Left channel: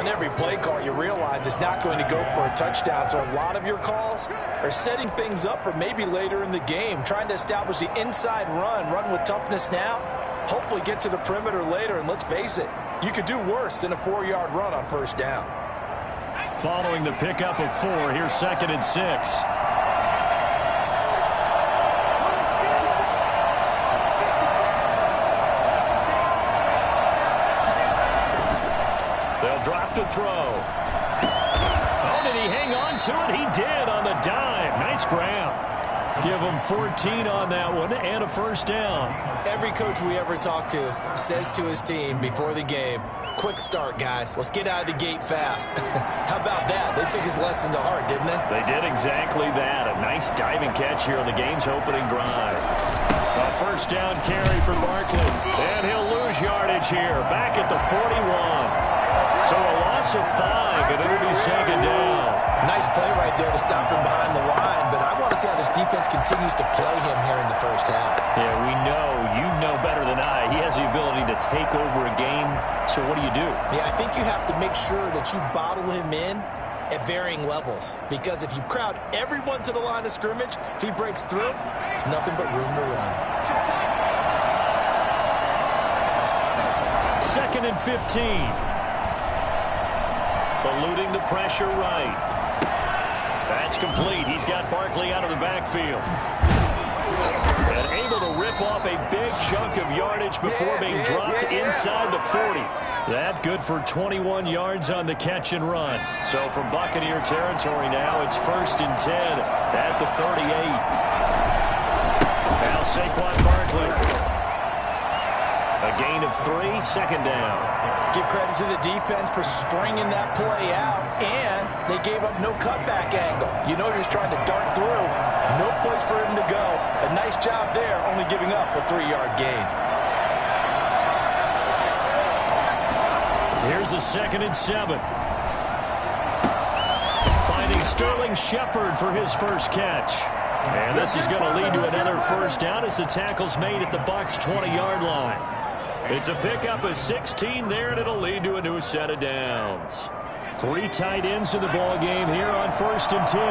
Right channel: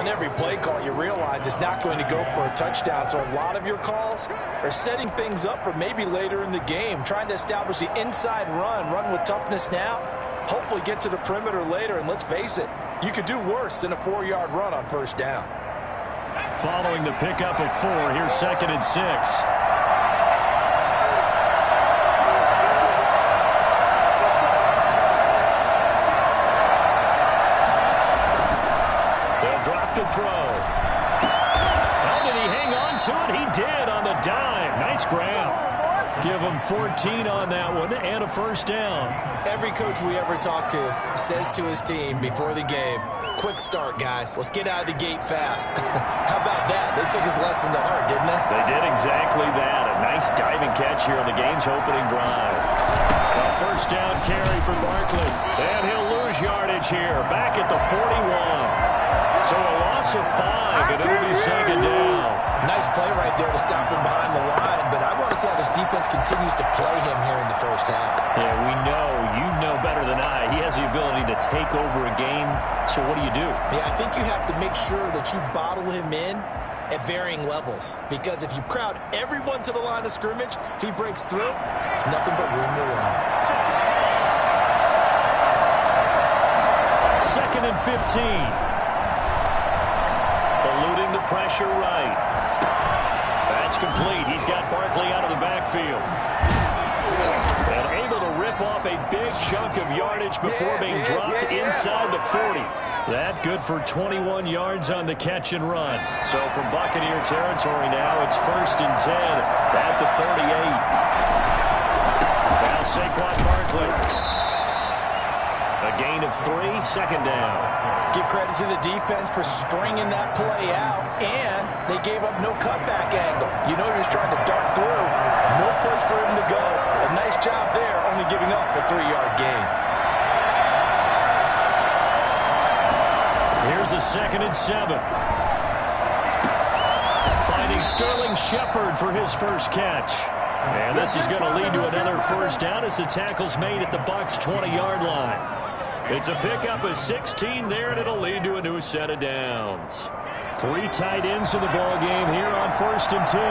on every play call, you realize it's not going to go for a touchdown. So a lot of your calls are setting things up for maybe later in the game, trying to establish the inside run with toughness now, hopefully get to the perimeter later. And let's face it, you could do worse than a 4-yard run on first down. Following the pickup of 4, here's 2nd and 6. They'll drop to throw. Oh, did he hang on to it? He did on the dive. Nice grab. Give him 14 on that one and a first down. Every coach we ever talk to says to his team before the game, quick start, guys. Let's get out of the gate fast. How about that? They took his lesson to heart, didn't they? They did exactly that. A nice diving catch here on the game's opening drive. A first down carry for Barkley. And he'll lose yardage here. Back at the 41. So a loss of 5, and it'll be 2nd down. Nice play right there to stop him behind the line, but I want to see how this defense continues to play him here in the first half. Yeah, we know. You know better than I. He has the ability to take over a game, so what do you do? Yeah, I think you have to make sure that you bottle him in at varying levels, because if you crowd everyone to the line of scrimmage, if he breaks through, there's nothing but room to run. 2nd and 15. Eluding the pressure right. That's complete. He's got Barkley out of the backfield. And able to rip off a big chunk of yardage before being dropped inside the 40. That good for 21 yards on the catch and run. So from Buccaneer territory now, it's 1st and 10 at the 38. Now Saquon Barkley. A gain of 3, 2nd down. Give credit to the defense for stringing that play out, and they gave up no cutback angle. You know he's trying to dart through. No place for him to go. A nice job there, only giving up a 3-yard gain. Here's a 2nd and 7. Finding Sterling Shepard for his first catch. And this is going to lead to another first down as the tackle's made at the Bucs' 20-yard line. It's a pickup of 16 there, and it'll lead to a new set of downs. 3 tight ends in the ball game here on 1st and 10.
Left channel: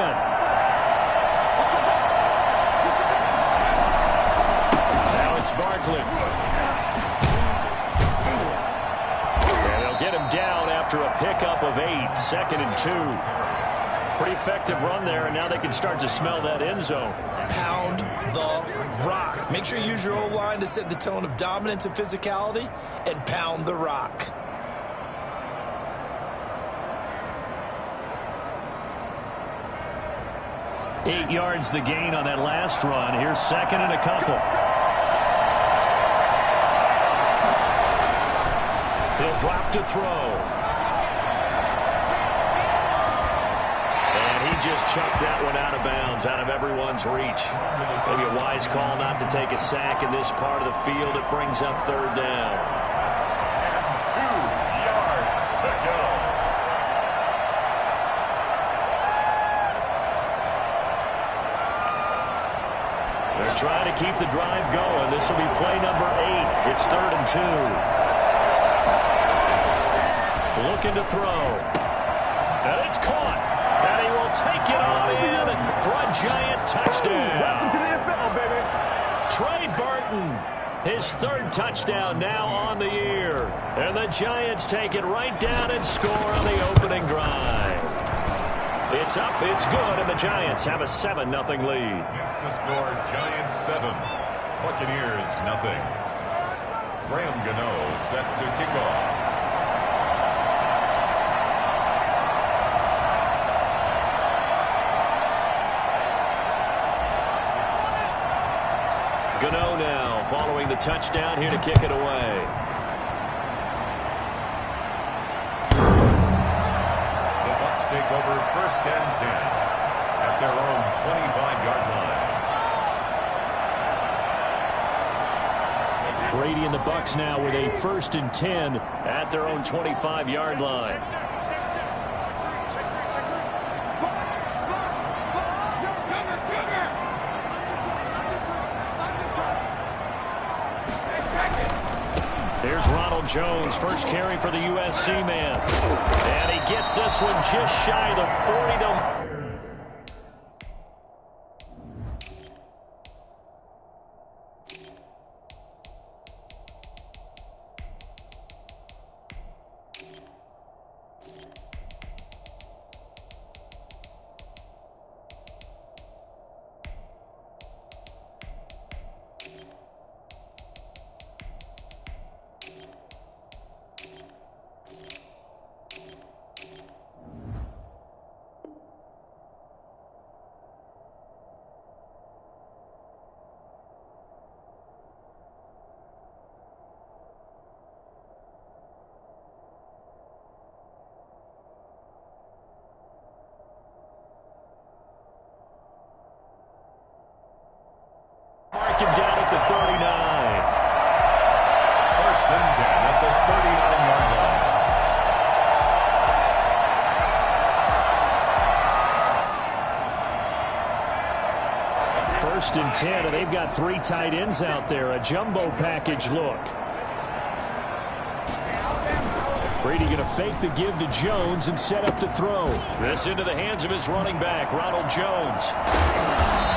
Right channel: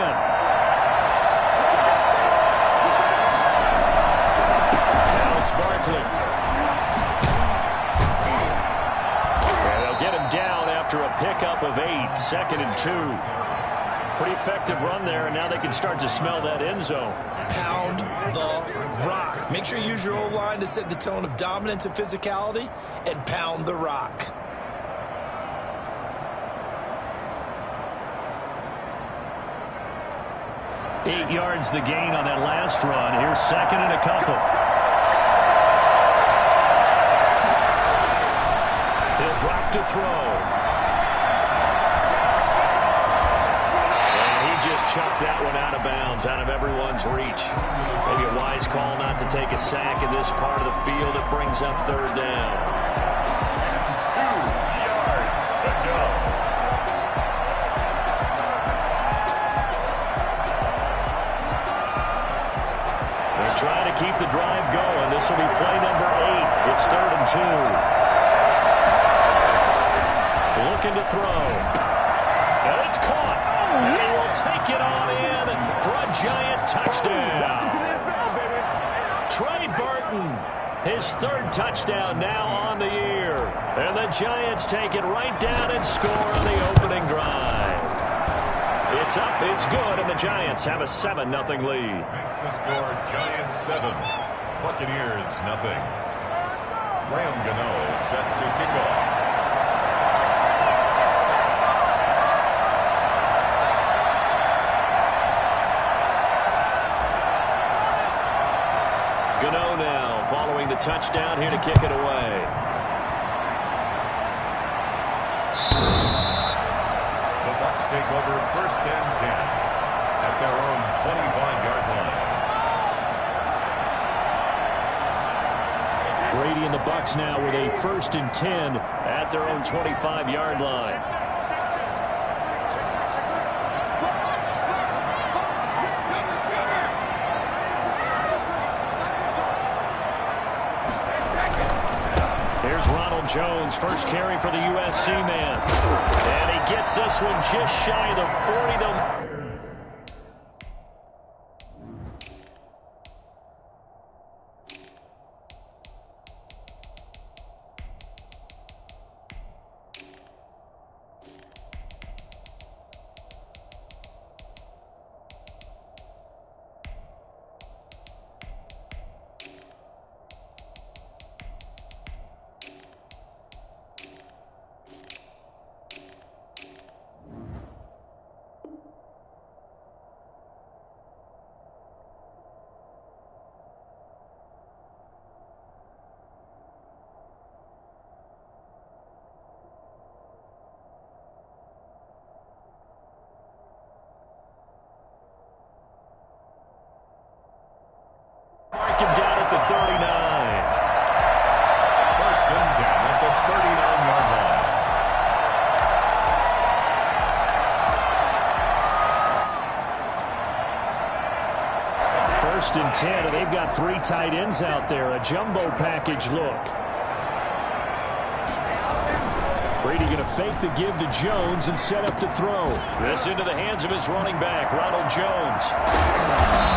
Now it's Barkley. And they'll get him down after a pickup of 8, 2nd and 2. Pretty effective run there, and now they can start to smell that end zone. Pound the rock. Make sure you use your O-line to set the tone of dominance and physicality, and pound the rock. Eight yards the gain on that last run. Here's 2nd and a couple. He'll drop to throw. Just chucked that one out of bounds, out of everyone's reach. Maybe a wise call not to take a sack in this part of the field. It brings up 3rd down. And 2 yards to go. They're trying to keep the drive going. This will be play number 8. It's 3rd and 2. Looking to throw. And it's caught. And he will take it on in for a giant touchdown. Welcome to the NFL, baby. Trey Burton, his 3rd touchdown now on the year. And the Giants take it right down and score on the opening drive. It's up, it's good, and the Giants have a 7-0 lead. Makes the score Giants 7, Buccaneers 0. Graham Gano set to kick off. Gano now following the touchdown here to kick it away. The Bucs take over 1st and 10 at their own 25-yard line. Brady and the Bucs now with a 1st and 10 at their own 25-yard line. Here's Ronald Jones, first carry for the USC man. And gets this one just shy of the 40. They'll... Mark him down at the 39. First and 10 at the 39-yard line. First and 10, and they've got 3 tight ends out there. A jumbo package look. Brady going to fake the give to Jones and set up to throw. This into the hands of his running back, Ronald Jones.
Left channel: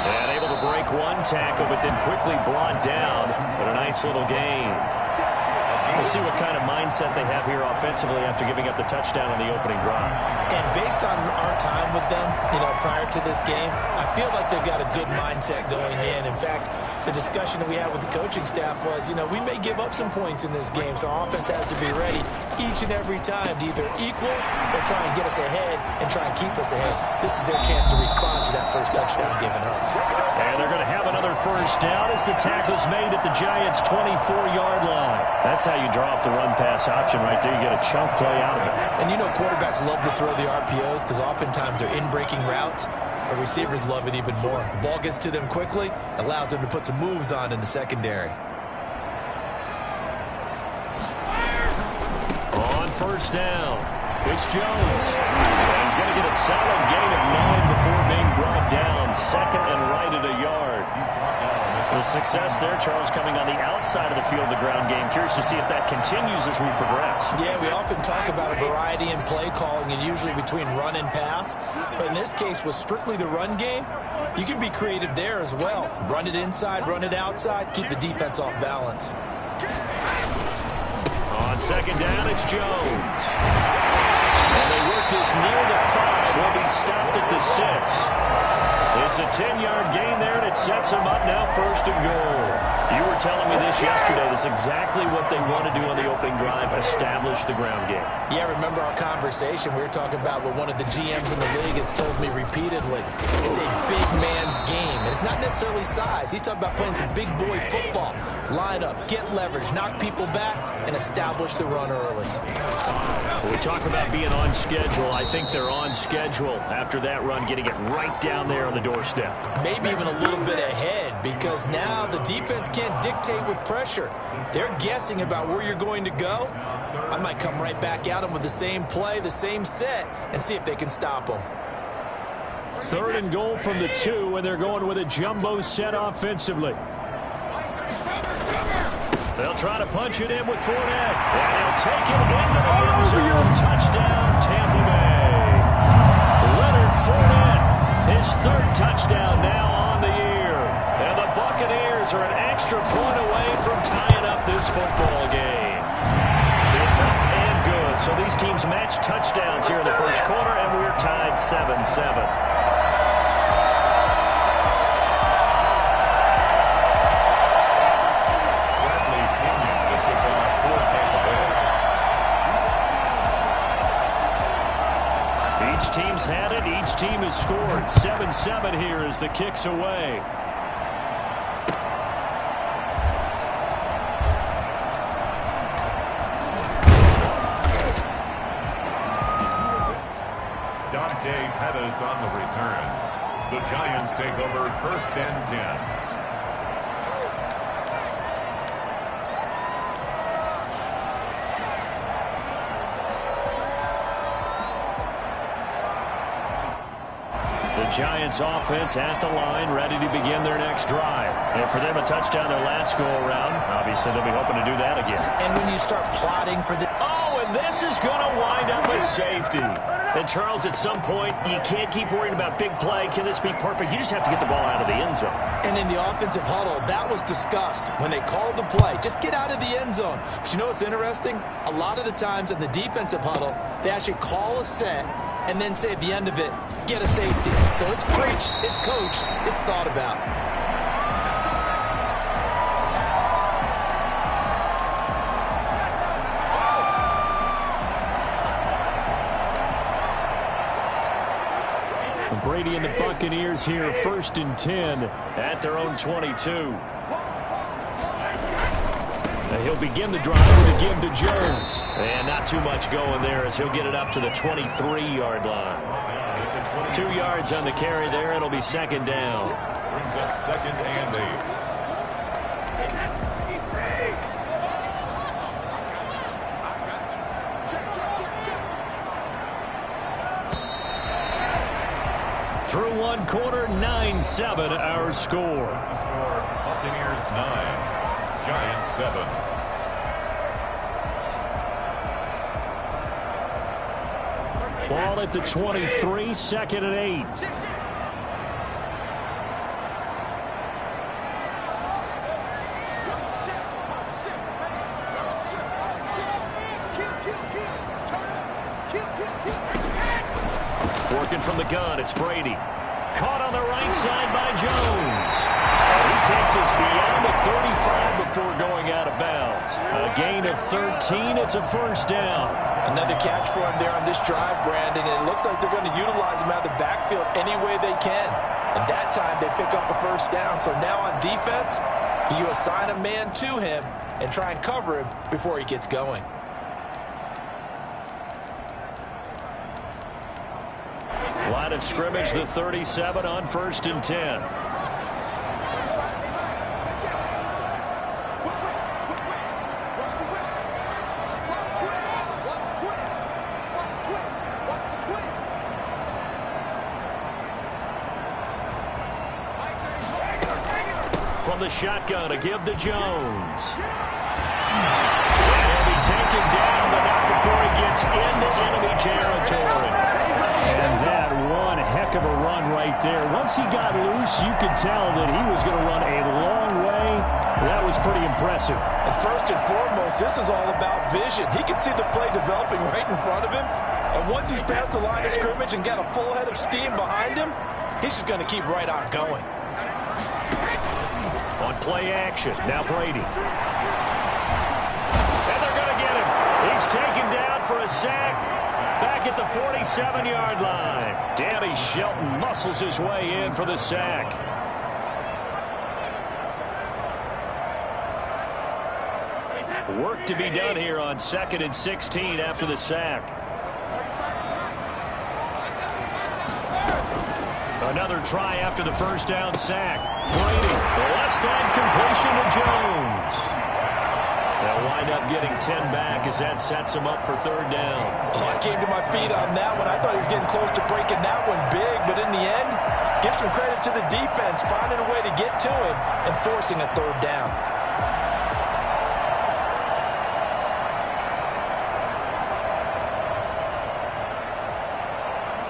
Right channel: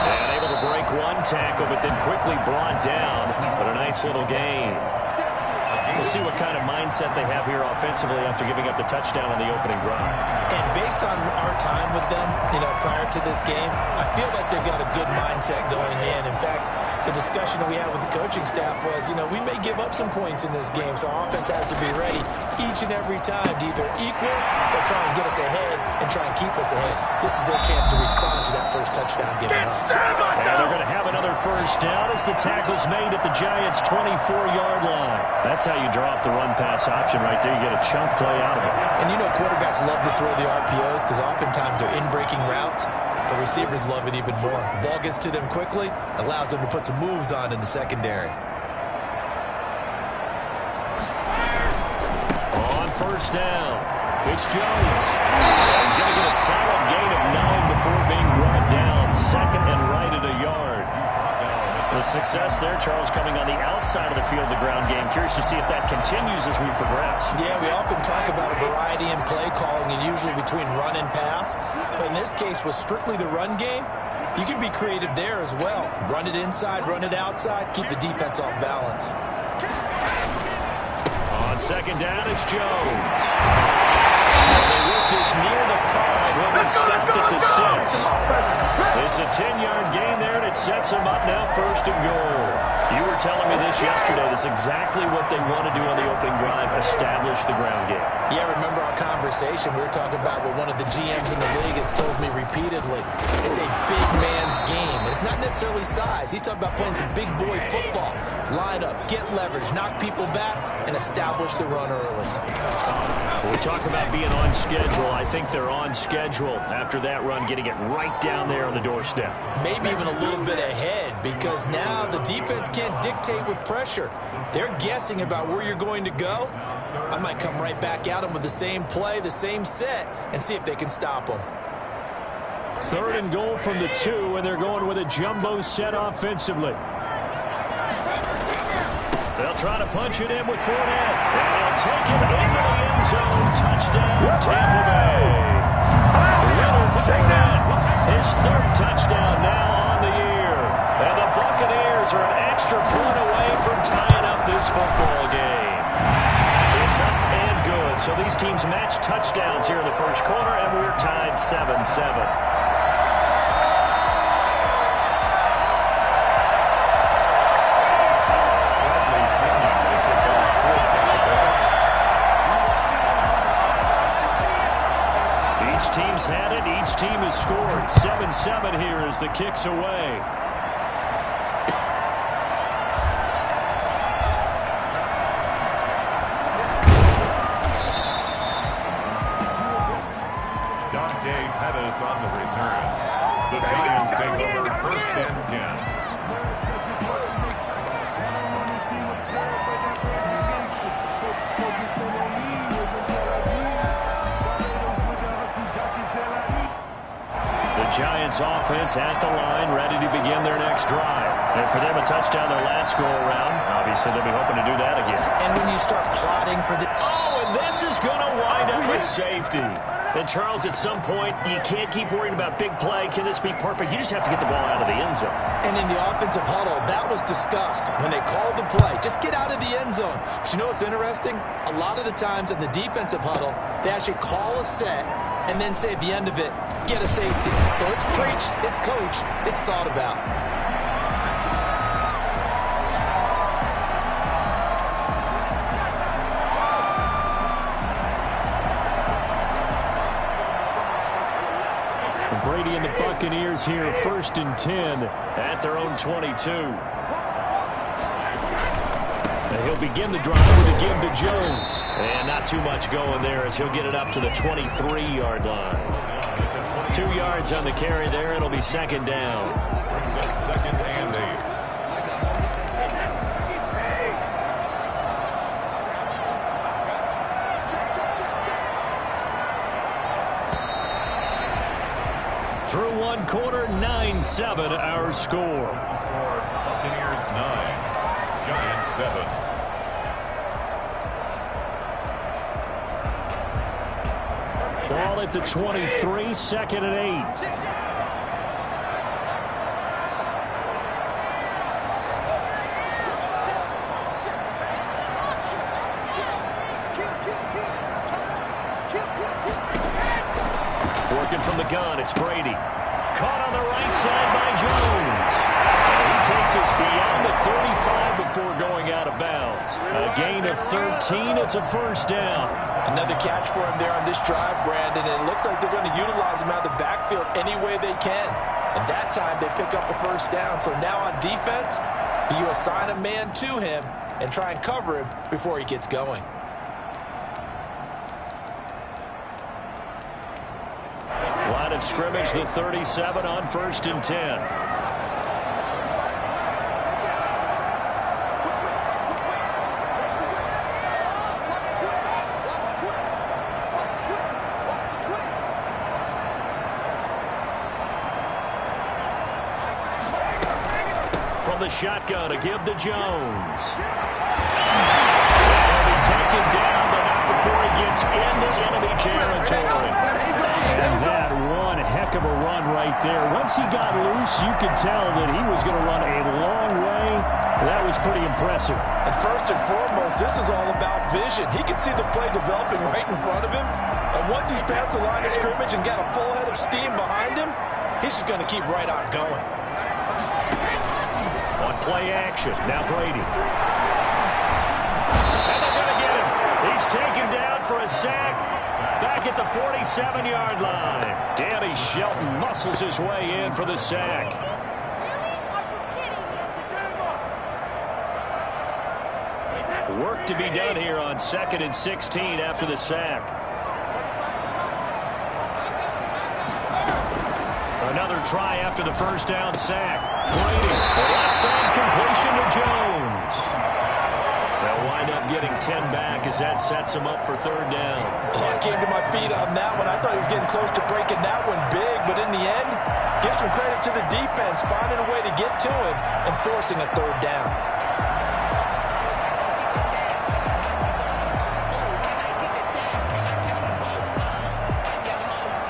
And able to break one tackle, but then quickly brought down. But a nice little gain. We'll see what kind of mindset they have here offensively after giving up the touchdown on the opening drive. And based on our time with them, prior to this game, I feel like they've got a good mindset going in. In fact, the discussion that we had with the coaching staff was, we may give up some points in this game, so our offense has to be ready each and every time to either equal or try and get us ahead and try and keep us ahead. This is their chance to respond to that first touchdown given up. And they're going to have another first down as the tackle's made at the Giants' 24-yard line. That's how you draw up the run-pass option right there. You get a chunk play out of it. And quarterbacks love to throw the RPOs because oftentimes they're in-breaking routes. But receivers love it even more. The ball gets to them quickly, allows them to put some moves on in the secondary. On first down, it's Jones. And he's going to get a solid gain of 9 before being brought down. Second and right at a yard. The success there, Charles, coming on the outside of the field, the ground game. Curious to see if that continues as we progress. Yeah, we often talk about a variety in play calling and usually between run and pass. But in this case, with strictly the run game, you can be creative there as well. Run it inside, run it outside, keep the defense off balance. On second down, it's Jones. And they work this near the 5. Will be stopped at the 6. It's a 10-yard gain there, and it sets them up now first and goal. You were telling me this yesterday. This is exactly what they want to do on the opening drive, establish the ground game. Yeah, remember our conversation. We were talking about what one of the GMs in the league has told me repeatedly. It's a big man's game, and it's not necessarily size. He's talking about playing some big boy football. Line up, get leverage, knock people back, and establish the run early. When we talk about being on schedule, I think they're on schedule after that run, getting it right down there on the doorstep. Maybe even a little bit ahead, because now the defense can't dictate with pressure. They're guessing about where you're going to go. I might come right back at them with the same play, the same set, and see if they can stop them. Third and goal from the 2, and they're going with a jumbo set offensively. They'll try to punch it in with Fournette, and he'll take it into the end zone. Touchdown, Tampa Bay. Leonard Fournette, his 3rd touchdown now on the year. And the Buccaneers are an extra point away from tying up this football game. It's up and good. So these teams match touchdowns here in the first quarter, and we're tied 7-7. Each team's had it. Each team has scored. 7-7 here as the kick's away. Dante Pettis on the return. The Giants take over first and 10. Giants offense at the line, ready to begin their next drive. And for them, a touchdown their last go-around. Obviously, they'll be hoping to do that again. And when you start plotting for the... Oh, and And this is going to wind up a safety. And, Charles, at some point, you can't keep worrying about big play. Can this be perfect? You just have to get the ball out of the end zone. And in the offensive huddle, that was discussed when they called the play. Just get out of the end zone. But you know what's interesting? A lot of the times in the defensive huddle, they actually call a set and then say at the end of it, get a safety. So it's preached, it's coached, it's thought about. Brady and the Buccaneers here, 1st and 10 at their own 22. He'll begin the drive with a give to Jones. And not too much going there as he'll get it up to the 23-yard line. 2 yards on the carry there. It'll be 2nd down. Brings up 2nd and 8. Through 1 quarter, 9-7 our score. Buccaneers 9, Giants 7. Ball at the 23, 2nd and 8. Working from the gun, it's Brady. Caught on the right side by Jones. And he takes us beyond the 35 before going out of bounds. A gain of 13, it's a 1st down. Another catch for him there on this drive, Brandon, and it looks like they're going to utilize him out of the backfield any way they can. And that time they pick up a 1st down. So now on defense, you assign a man to him and try and cover him before he gets going. Line of scrimmage, the 37 on 1st and 10. From the shotgun, a give to Jones. And he'll be taken down, but not before he gets into enemy territory. And that one heck of a run right there. Once he got loose, you could tell that he was going to run a long way. That was pretty impressive. And first and foremost, this is all about vision. He can see the play developing right in front of him. And once he's past the line of scrimmage and got a full head of steam behind him, he's just going to keep right on going. On play action, now Brady. And they're going to get him. He's taken down for a sack. Back at the 47-yard line. Danny Shelton muscles his way in for the sack. Work to be done here on 2nd and 16 after the sack. Another try after the 1st down sack. Brady, the left side completion to Jones. They'll wind up getting 10 back as that sets him up for 3rd down. Oh, I came to my feet on that one. I thought he was getting close to breaking that one big, but in the end, give some credit to the defense, finding a way to get to him and forcing a 3rd down.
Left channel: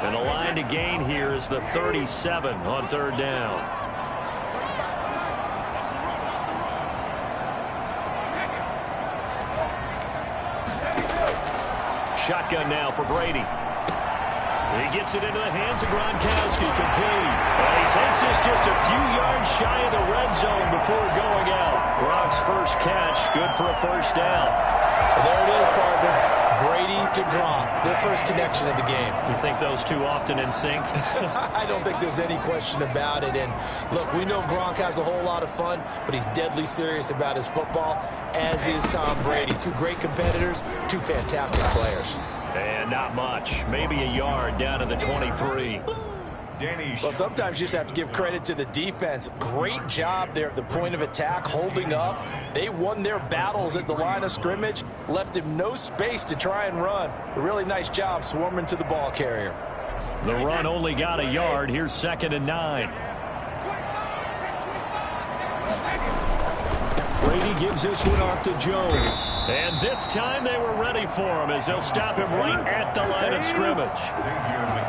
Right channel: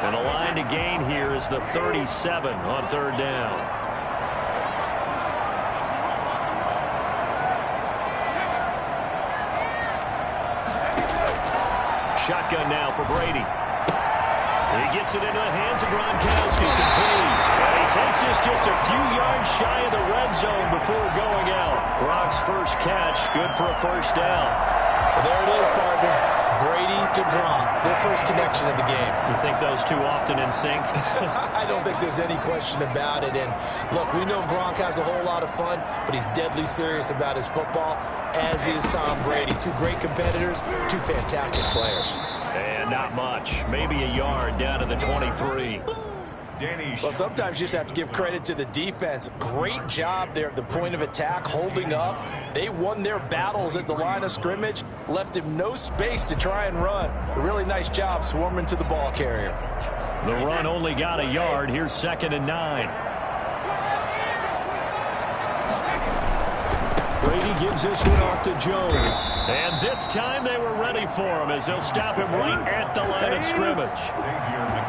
And the line to gain here is the 37 on 3rd down. Shotgun now for Brady. He gets it into the hands of Gronkowski, complete. And he takes this just a few yards shy of the red zone before going out. Gronk's first catch, good for a 1st down. Well, there it is, partner. Brady to Gronk, their first connection of the game. You think those two often in sync? I don't think there's any question about it. And look, we know Gronk has a whole lot of fun, but he's deadly serious about his football, as is Tom Brady. 2 great competitors, 2 fantastic players. And not much. Maybe a yard down to the 23. Well, sometimes you just have to give credit to the defense. Great job there at the point of attack, holding up. They won their battles at the line of scrimmage, left him no space to try and run. A really nice job swarming to the ball carrier. The run only got a yard. Here's 2nd and 9. Brady Brady gives this one off to Jones. And this time they were ready for him as they'll stop him right at the line of scrimmage.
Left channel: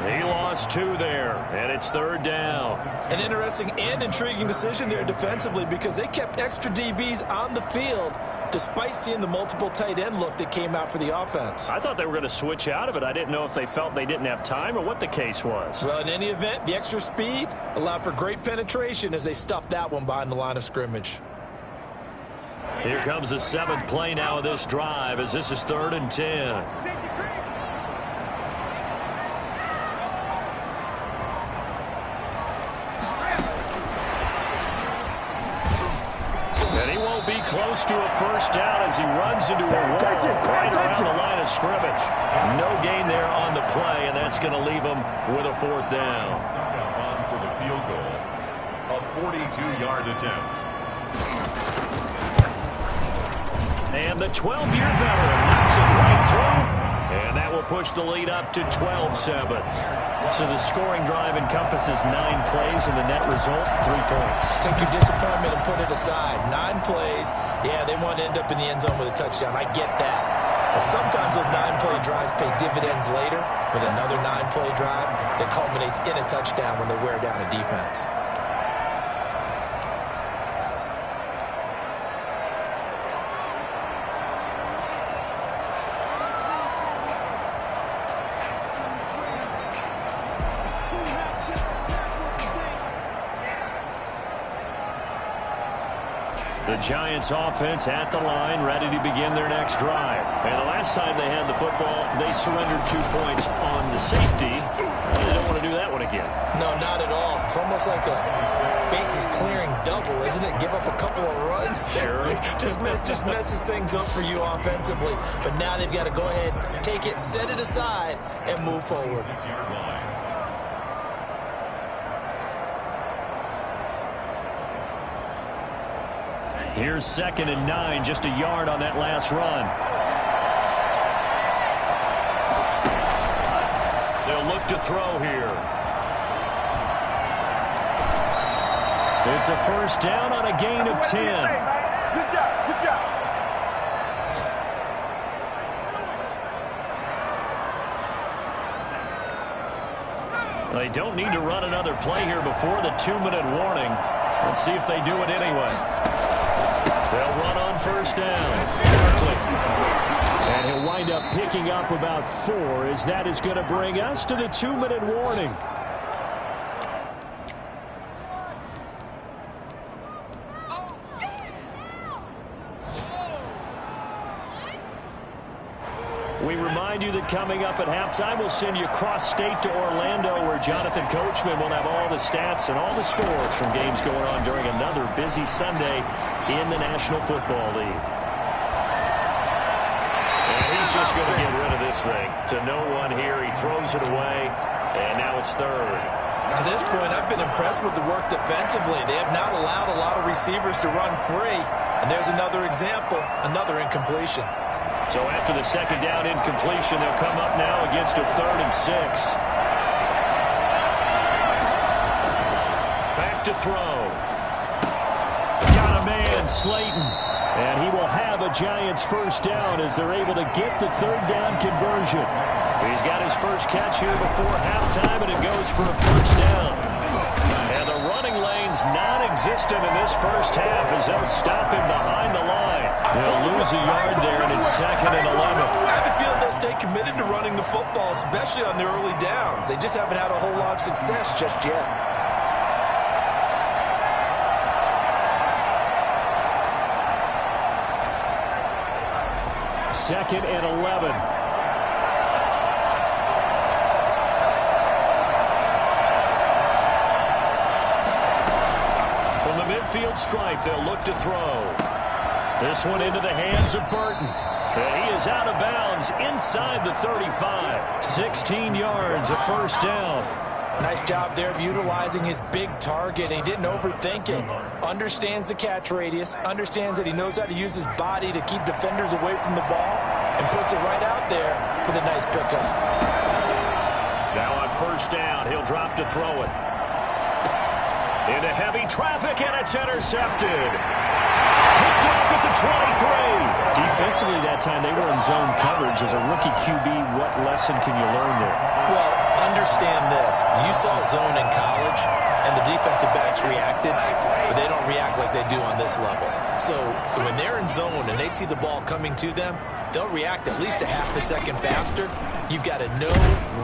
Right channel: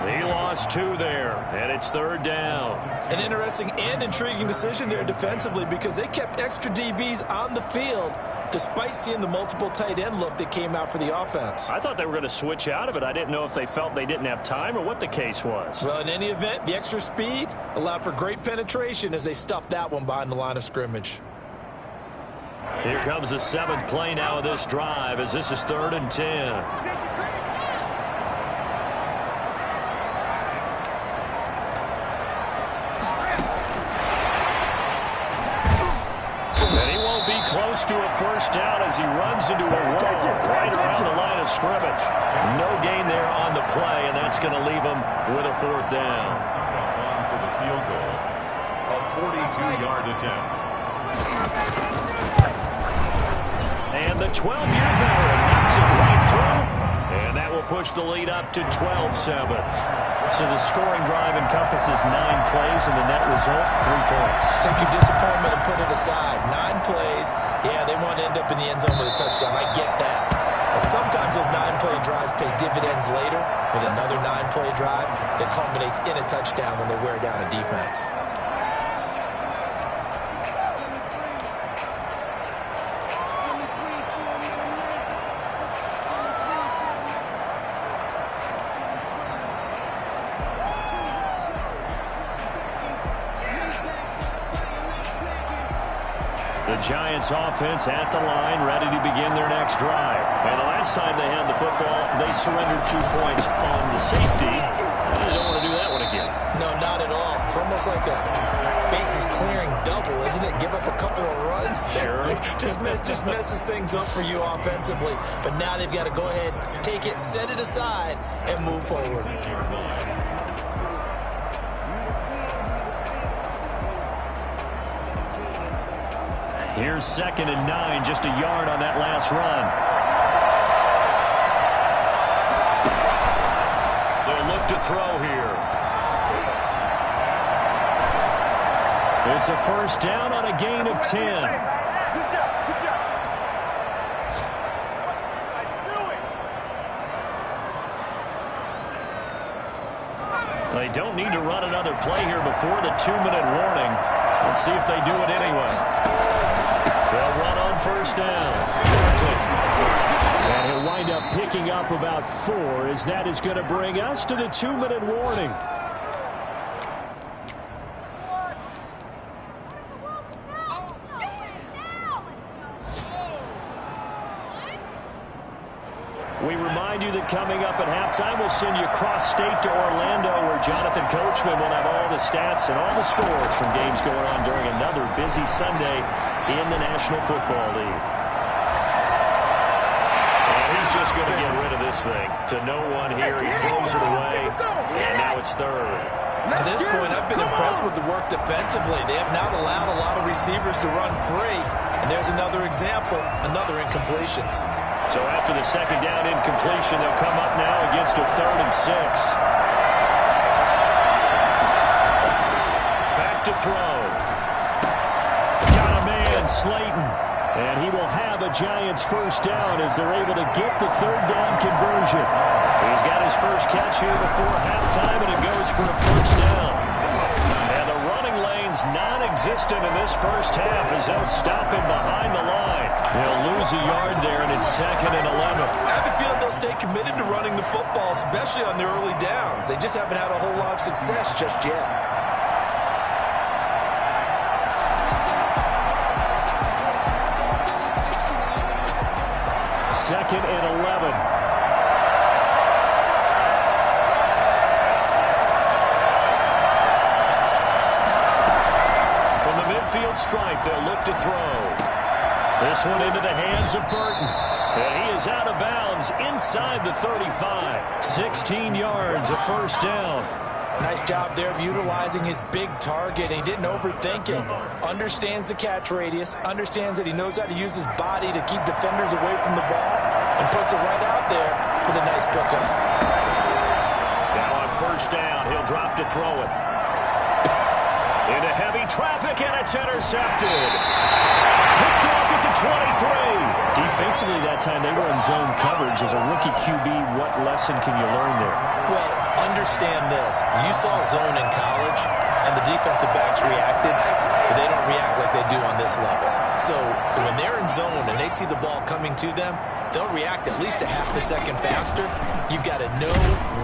He lost 2 there, and it's 3rd down. An interesting and intriguing decision there defensively because they kept extra DBs on the field despite seeing the multiple tight end look that came out for the offense. I thought they were going to switch out of it. I didn't know if they felt they didn't have time or what the case was. Well, in any event, the extra speed allowed for great penetration as they stuffed that one behind the line of scrimmage. Here comes the 7th play now of this drive as this is 3rd and 10. And he won't be close to a first down as he runs into a wall right around the line of scrimmage. No gain there on the play, and that's going to leave him with a 4th down. On for the field goal, a 42-yard attempt. And the 12-year veteran knocks it right through, and that will push the lead up to 12-7. So the scoring drive encompasses 9 plays, and the net result, 3 points. Take your disappointment and put it aside. 9 plays. Yeah, they want to end up in the end zone with a touchdown. I get that. But sometimes those 9-play drives pay dividends later with another 9-play drive that culminates in a touchdown when they wear down a defense. The Giants offense at the line, ready to begin their next drive. And the last time they had the football, they surrendered 2 points on the safety. They don't want to do that one again. No, not at all. It's almost like a bases clearing double, isn't it? Give up a couple of runs. Sure. just messes things up for you offensively. But now they've got to go ahead, take it, set it aside, and move forward. Here's 2nd and 9, just a yard on that last run. They'll look to throw here. It's a first down on a gain of 10. Good job, good job. They don't need to run another play here before the 2-minute warning. Let's see if they do it anyway. They'll run on first down. Barkley. And he'll wind up picking up about 4 as that is going to bring us to the 2-minute warning. We remind you that coming up at halftime, we'll send you cross-state to Orlando, where Jonathan Coachman will have all the stats and all the scores from games going on during another busy Sunday in the National Football League. And he's just going to get rid of this thing. To no one here, he throws it away, and now it's 3rd. To this point, I've been impressed with the work defensively. They have not allowed a lot of receivers to run free. And there's another example, another incompletion. So after the 2nd down incompletion, they'll come up now against a 3rd and 6. Back to throw. Got a man, Slayton. And he will have a Giants first down as they're able to get the 3rd down conversion. He's got his first catch here before halftime, and it goes for a first down. And the running lane's non-existent in this first half as they'll stop him behind the line. He'll lose a yard there, and it's 2nd and 11. I have a feeling they'll stay committed to running the football, especially on the early downs. They just haven't had a whole lot of success just yet. Second and 11. From the midfield stripe, they'll look to throw. This one into the hands of Burton. And he is out of bounds inside the 35. 16 yards, a first down. Nice job there of utilizing his big target. He didn't overthink it. Understands the catch radius. Understands that he knows how to use his body to keep defenders away from the ball. And puts it right out there for the nice pickup. Now on first down, he'll drop to throw it. Into heavy traffic, and it's intercepted. Picked off at the 23. Defensively that time, they were in zone coverage. As a rookie QB, what lesson can you learn there? Well, understand this. You saw zone in college, and the defensive backs reacted, but they don't react like they do on this level. So when they're in zone and they see the ball coming to them, they'll react at least a half a second faster. You've got to know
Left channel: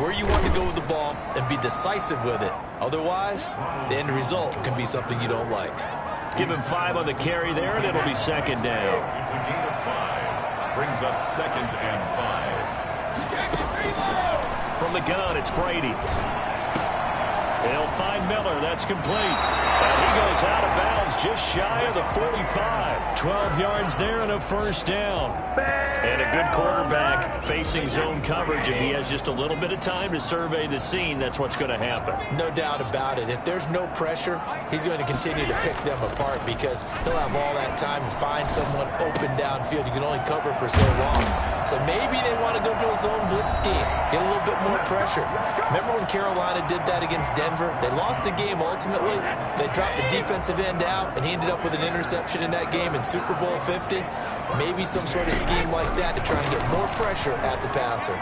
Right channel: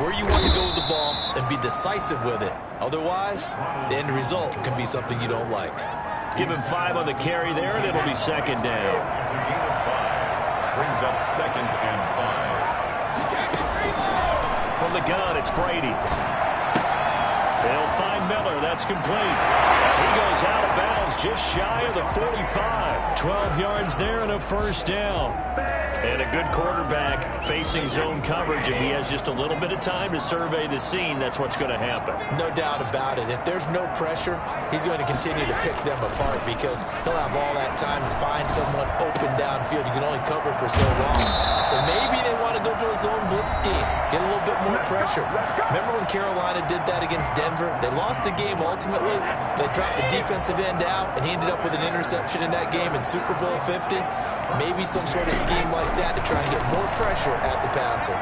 where you want to go with the ball and be decisive with it. Otherwise, the end result can be something you don't like. Give him 5 on the carry there, and it'll be second down. It's a gain of 5. Brings up 2nd and 5. From the gun, it's Brady. They'll find Miller. That's complete. And he goes out of bounds just shy of the 45. 12 yards there and a first down. And a good quarterback facing zone coverage. If he has just a little bit of time to survey the scene, that's what's going to happen. No doubt about it. If there's no pressure, he's going to continue to pick them apart because he'll have all that time to find someone open downfield. You can only cover for so long. So maybe they want to go to a zone blitz scheme, get a little bit more pressure. Remember when Carolina did that against Denver? They lost the game ultimately. They dropped the defensive end out, and he ended up with an interception in that game in Super Bowl 50. Maybe some sort of scheme like that to try and get more pressure at the passer.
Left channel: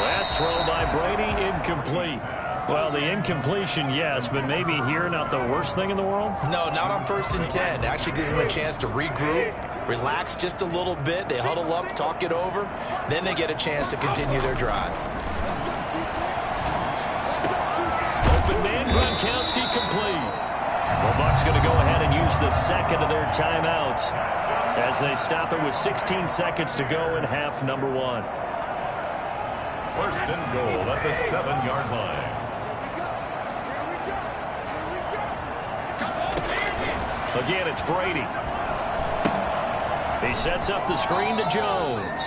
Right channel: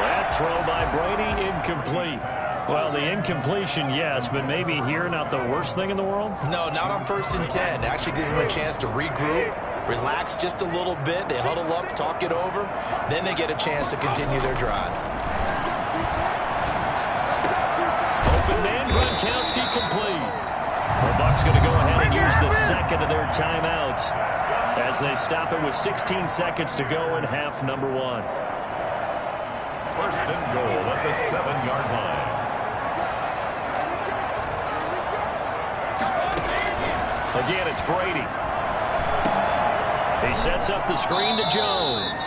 That throw by Brady, incomplete. Well, the incompletion, yes, but maybe here not the worst thing in the world? No, not on 1st and 10. Actually gives them a chance to regroup, relax just a little bit. They huddle up, talk it over. Then they get a chance to continue their drive. Open man, Gronkowski complete. The Bucs going to go ahead and use the second of their timeouts as they stop it with 16 seconds to go in half number 1. 1st and goal at the 7-yard line. Again, it's Brady. He sets up the screen to Jones.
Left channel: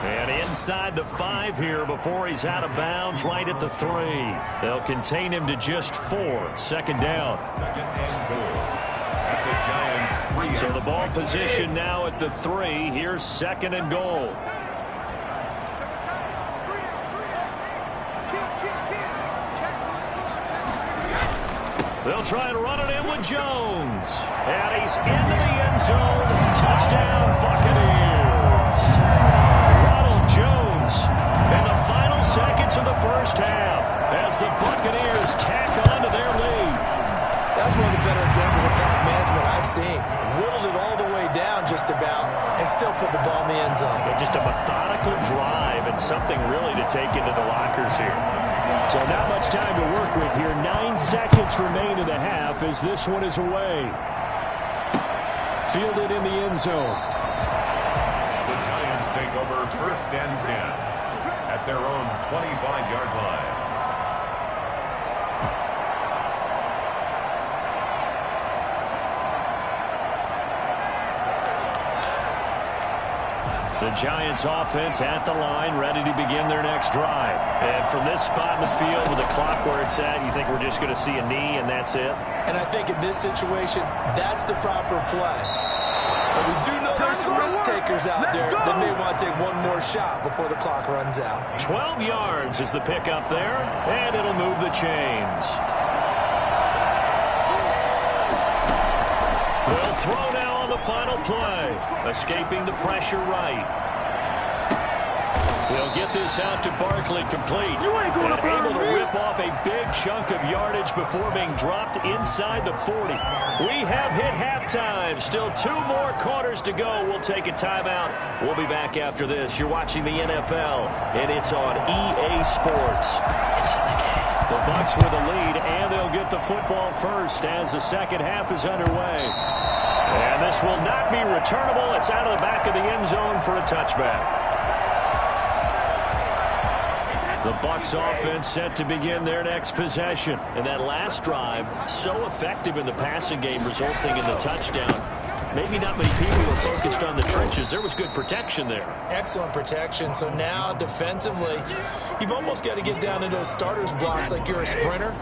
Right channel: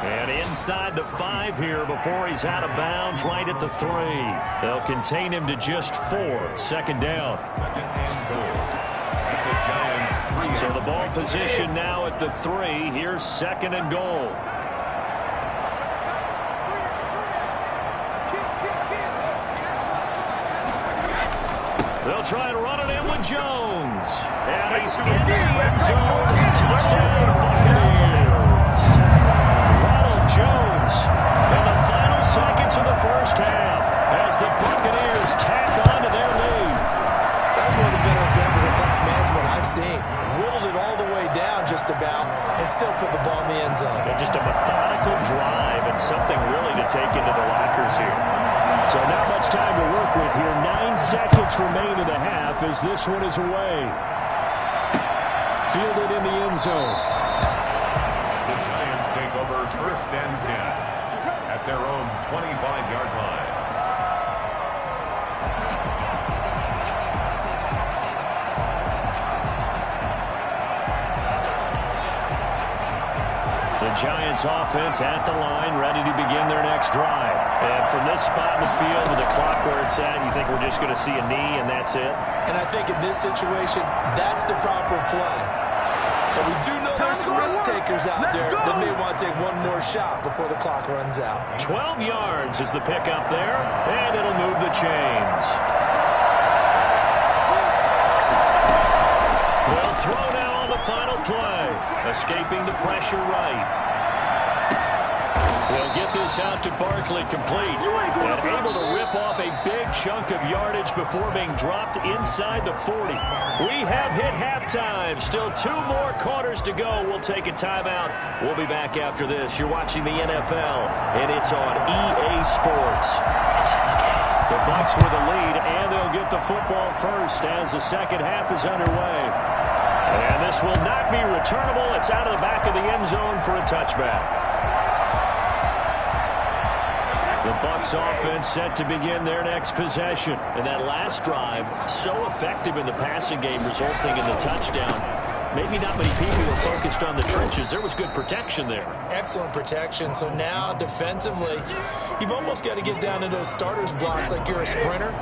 And inside the 5 here before he's out of bounds right at the 3. They'll contain him to just 4. 2nd down. 2nd and goal at the Giants' 3. So the ball position now at the 3. Here's 2nd and goal. They'll try and run it in with Jones. And he's into the end zone. Touchdown, Buccaneers. Ronald Jones in the final seconds of the first half as the Buccaneers tack on to their lead. That's one of the better examples of clock management I've seen. Whittled it all the way down just about and still put the ball in the end zone. Just a methodical drive and something really to take into the lockers here. So not much time to work with here. 9 seconds remain in the half as this one is away. Fielded in the end zone. The Giants take over 1st and 10 at their own 25-yard line. The Giants offense at the line, ready to begin their next drive. And from this spot in the field with the clock where it's at, you think we're just going to see a knee and that's it? And I think in this situation, that's the proper play. But we do know there's some risk takers out there that may want to take one more shot before the clock runs out. 12 yards is the pickup there, and it'll move the chains. They'll throw now on the final play. Escaping the pressure right. They'll get this out to Barkley complete. And able to rip off a big chunk of yardage before being dropped inside the 40. We have hit halftime. Still 2 more quarters to go. We'll take a timeout. We'll be back after this. You're watching the NFL, and it's on EA Sports. It's in the game. The Bucs with a lead, and they'll get the football first as the second half is underway. And this will not be returnable. It's out of the back of the end zone for a touchback. The Bucs offense set to begin their next possession. And that last drive, so effective in the passing game, resulting in the touchdown. Maybe not many people were focused on the trenches. There was good protection there. Excellent protection. So now defensively, you've almost got to get down to those starters blocks like you're a sprinter.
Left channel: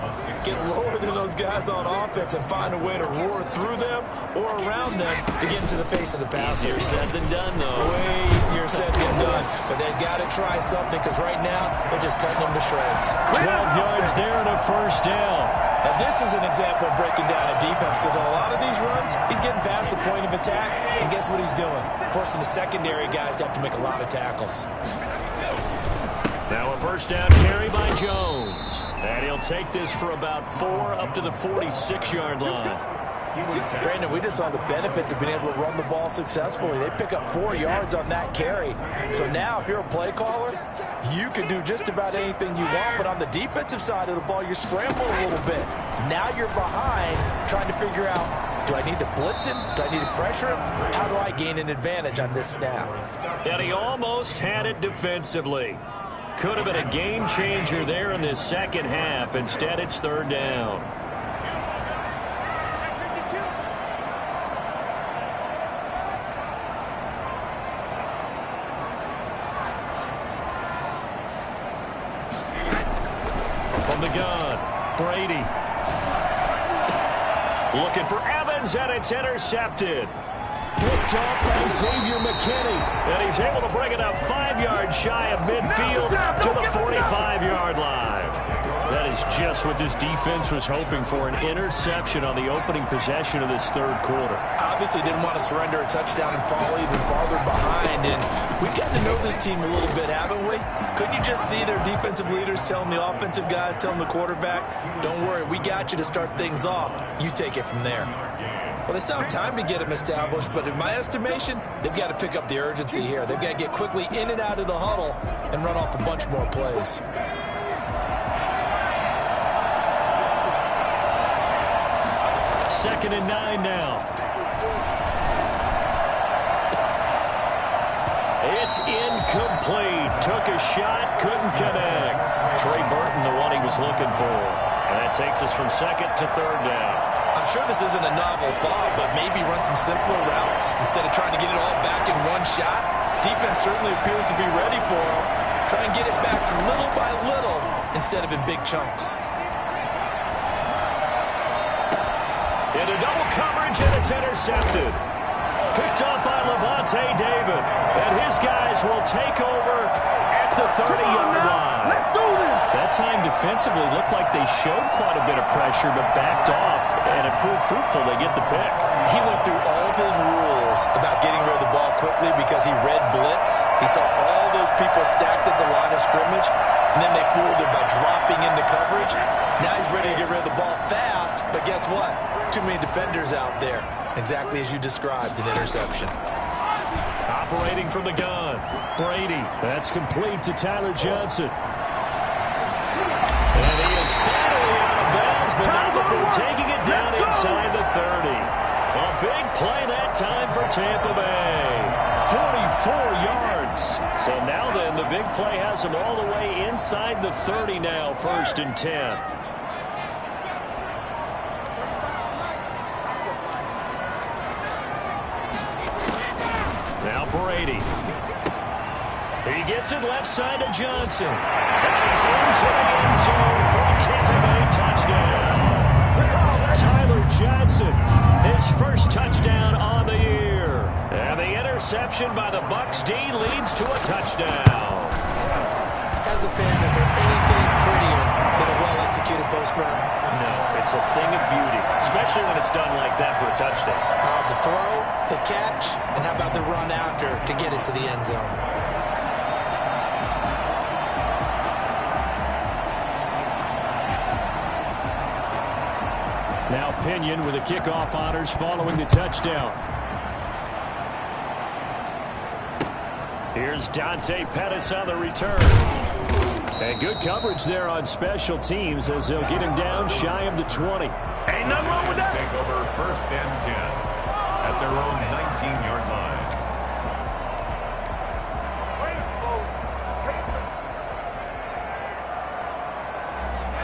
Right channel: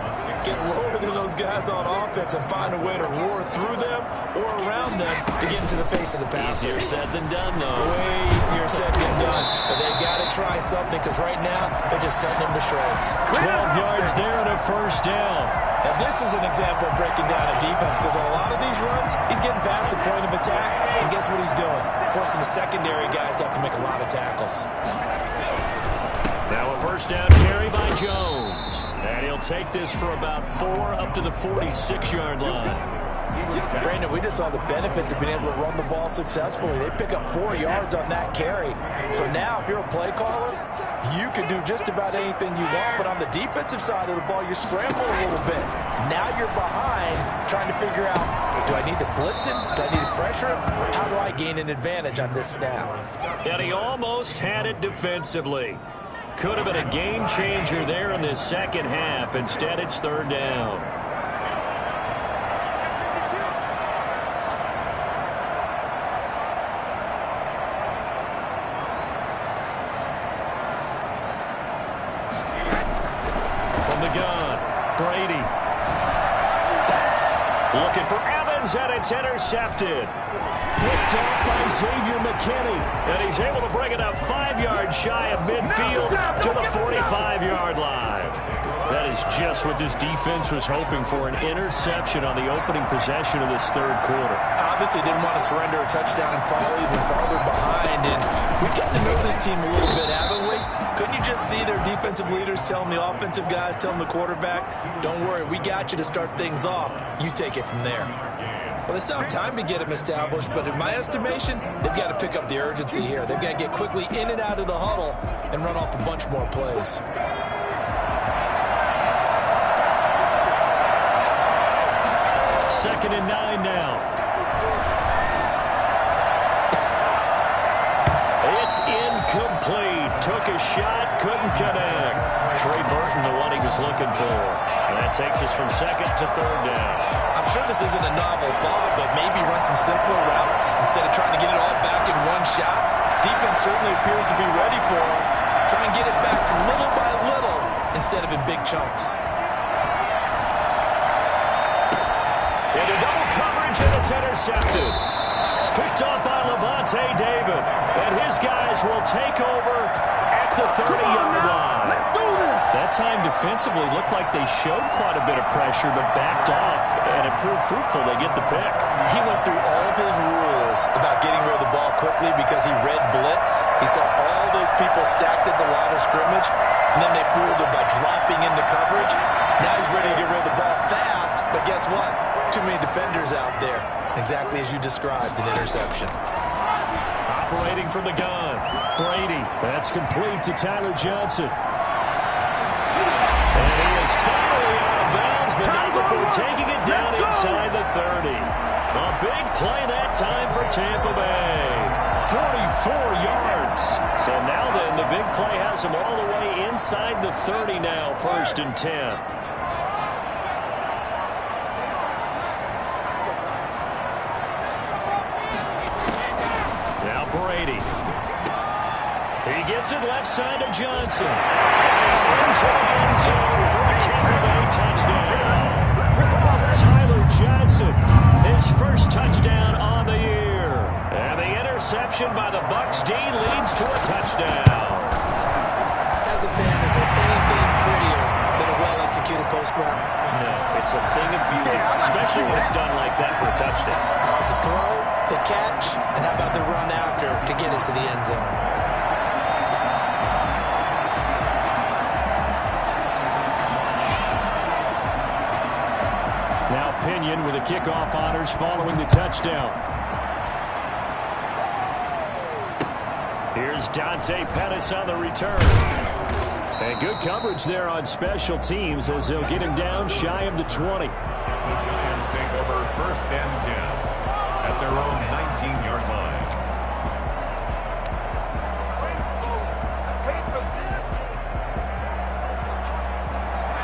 Get lower than those guys on offense and find a way to roar through them or around them to get into the face of the passer. Easier said than done, though. Way easier said than done. But they've got to try something because right now they're just cutting them to shreds. 12 yards there and a first down. And this is an example of breaking down a defense because on a lot of these runs, he's getting past the point of attack, and guess what he's doing? Forcing the secondary guys to have to make a lot of tackles. Now a first down carry by Jones. And he'll take this for about 4 up to the 46-yard line. Brandon, we just saw the benefits of being able to run the ball successfully. They pick up 4 yards on that carry. So now if you're a play caller, you can do just about anything you want. But on the defensive side of the ball, you're scrambling a little bit. Now you're behind trying to figure out, do I need to blitz him? Do I need to pressure him? How do I gain an advantage on this snap? And he almost had it defensively. Could have been a game changer there in this second half. Instead, it's third down. From the gun, Brady. Looking for Evans, and it's intercepted. Picked off by Xavier McKinney. And he's able to bring it up 5 yards shy of midfield to the 45-yard line. That is just what this defense was hoping for, an interception on the opening possession of this third quarter. Obviously didn't want to surrender a touchdown and fall even farther behind. And we've gotten to know this team a little bit, haven't we? Couldn't you just see their defensive leaders telling the offensive guys, telling the quarterback, don't worry, we got you to start things off. You take it from there. Well, they still have time to get him established, but in my estimation, they've got to pick up the urgency here. They've got to get quickly in and out of the huddle and run off a bunch more plays. Second and 9 now. It's incomplete. Took a shot, couldn't connect. Trey Burton, the one he was looking for. And that takes us from second to third down. I'm sure this isn't a novel thought, but maybe run some simpler routes instead of trying to get it all back in one shot. Defense certainly appears to be ready for him. Try and get it back little by little instead of in big chunks. Into double coverage, and it's intercepted. Picked off by Levante David. And his guys will take over at the 30-yard line. Let's do this. That time defensively looked like they showed quite a bit of pressure, but backed off, and it proved fruitful. They get the pick. He went through all of his rules about getting rid of the ball quickly because he read blitz. He saw all those people stacked at the line of scrimmage, and then they fooled him by dropping into coverage. Now he's ready to get rid of the ball fast, but guess what? Too many defenders out there. Exactly as you described, an interception. Operating from the gun, Brady. That's complete to Tyler Johnson. And he is finally out of bounds, but not before taking it down inside the 30. A big play that time for Tampa Bay. 44 yards. So now then, the big play has him all the way inside the 30 now, 1st and 10. Now Brady. He gets it left side to Johnson. And he's into the end zone for a Tampa Bay touchdown. Tyler Johnson, his first touchdown on the year. And the interception by the Bucs D leads to a touchdown. As a fan, is there anything prettier than a well-executed post route? No, it's a thing of beauty, especially when it's done like that for a touchdown. The throw, the catch, and how about the run after to get it to the end zone? Now Pinion with the kickoff honors following the touchdown. Here's Dante Pettis on the return. And good coverage there on special teams as they'll get him down shy of the 20. And the Giants take over 1st and 10 at their own 19-yard line.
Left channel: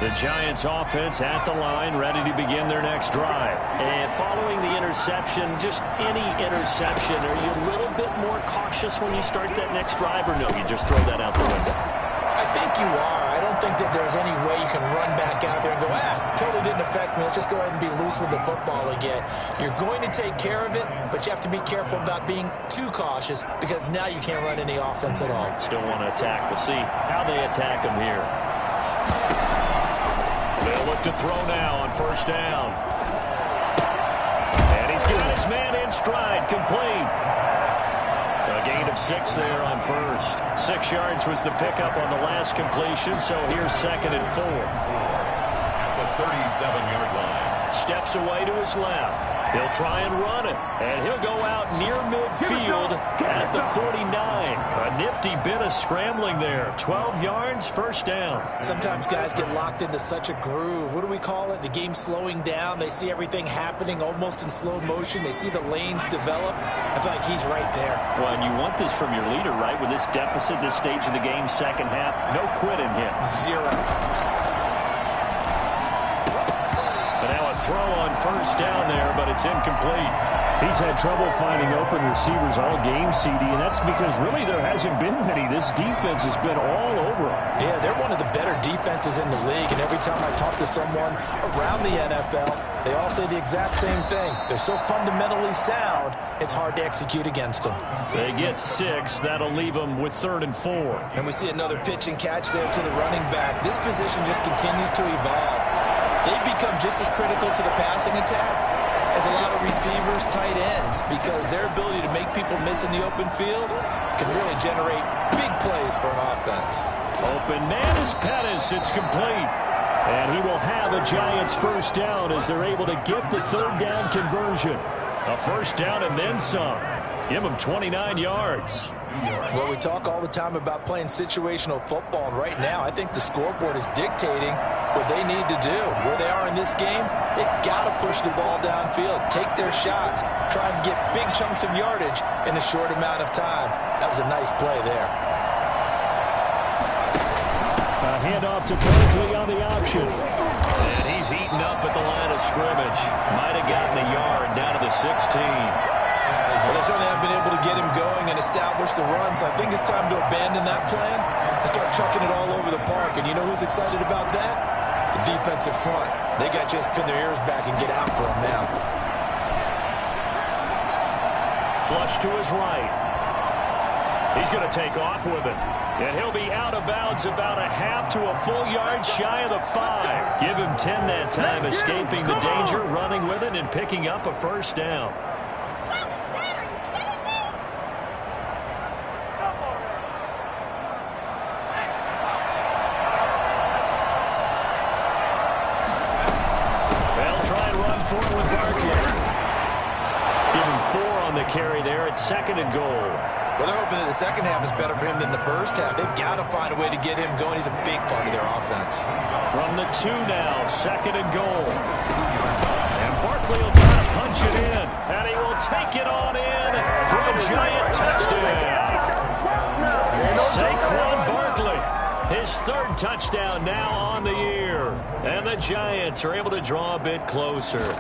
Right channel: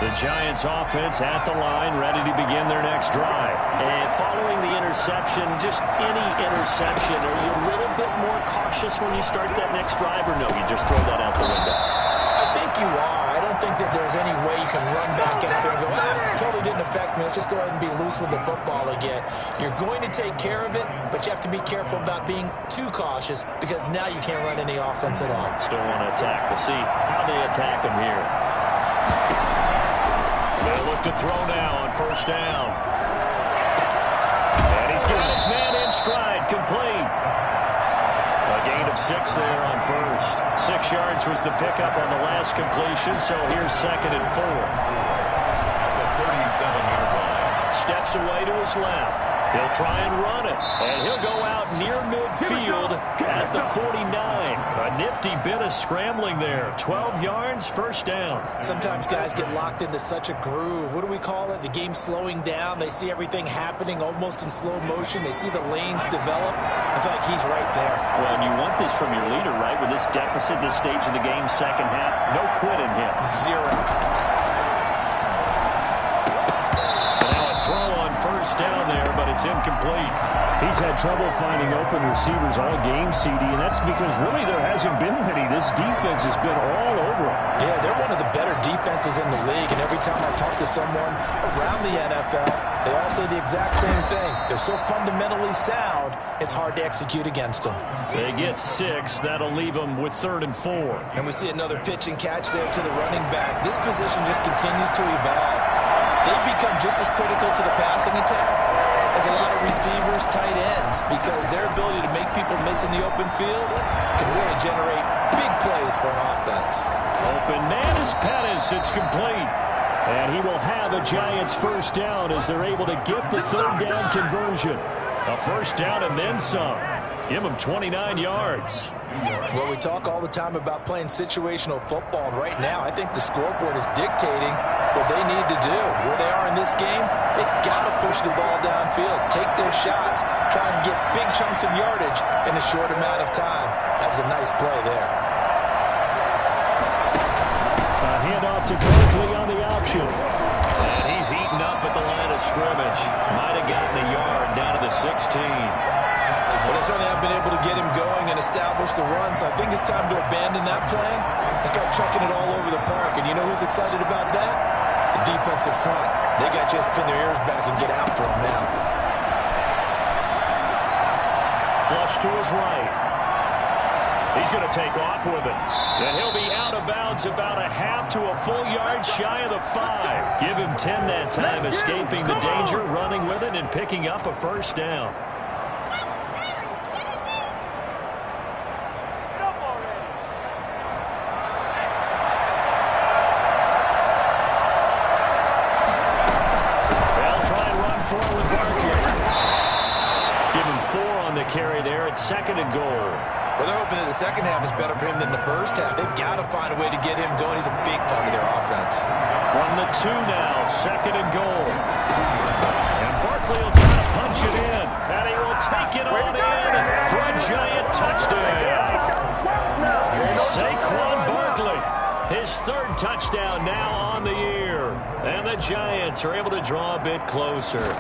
The Giants offense at the line, ready to begin their next drive. And following the interception, just any interception, are you a little bit more cautious when you start that next drive, or no, you just throw that out the window? I think you are. I don't think that there's any way you can run back out there and go, totally didn't affect me. Let's just go ahead and be loose with the football again. You're going to take care of it, but you have to be careful about being too cautious because now you can't run any offense at all. Still want to attack. We'll see how they attack him here. They'll look to throw now on first down. And he's got his man in stride, complete. A gain of 6 there on first. 6 yards was the pickup on the last completion, so here's 2nd and 4. At the 37-yard line. Steps away to his left. He'll try and run it, and he'll go out near midfield at the 49. A nifty bit of scrambling there. 12 yards, first down. Sometimes guys get locked into such a groove. What do we call it? The game's slowing down. They see everything happening almost in slow motion. They see the lanes develop. I feel like he's right there. Well, and you want this from your leader, right? With this deficit, this stage of the game, second half, no quit in him. 0. Throw on first down there, but it's incomplete. He's had trouble finding open receivers all game, CD, and that's because really there hasn't been many. This defense has been all over him. Yeah, they're one of the better defenses in the league, and every time I talk to someone around the NFL, they all say the exact same thing. They're so fundamentally sound, it's hard to execute against them. They get 6. That'll leave them with 3rd and 4. And we see another pitch and catch there to the running back. This position just continues to evolve. They become just as critical to the passing attack as a lot of receivers, tight ends, because their ability to make people miss in the open field can really generate big plays for an offense. Open man is Pettis. It's complete. And he will have a Giants first down as they're able to get the 3rd down conversion. A first down and then some. Give them 29 yards. Well, we talk all the time about playing situational football, and right now I think the scoreboard is dictating what they need to do. Where they are in this game, they've got to push the ball downfield, take their shots, try and get big chunks of yardage in a short amount of time. That was a nice play there. A handoff to Berkeley on the option. And he's eaten up at the line of scrimmage. Might have gotten a yard down to the 16. Well, they certainly have been able to get him going and establish the run, so I think it's time to abandon that plan and start chucking it all over the park. And you know who's excited about that? The defensive front. They got to just pin their ears back and get after him now. Flush to his right. He's going to take off with it. And he'll be out of bounds about a half to a full yard shy of the 5. Give him 10 that time, escaping the danger, running with it, and picking up a first down. With Barkley. Give him 4 on the carry there at 2nd and goal. Well, they're hoping that the second half is better for him than the first half. They've got to find a way to get him going. He's a big part of their offense. From the 2 now, 2nd and goal. And Barkley will try to punch it in. And he will take it on in for a Giant touchdown. Saquon Barkley. His 3rd touchdown now on the year. And the Giants are able to draw a bit closer.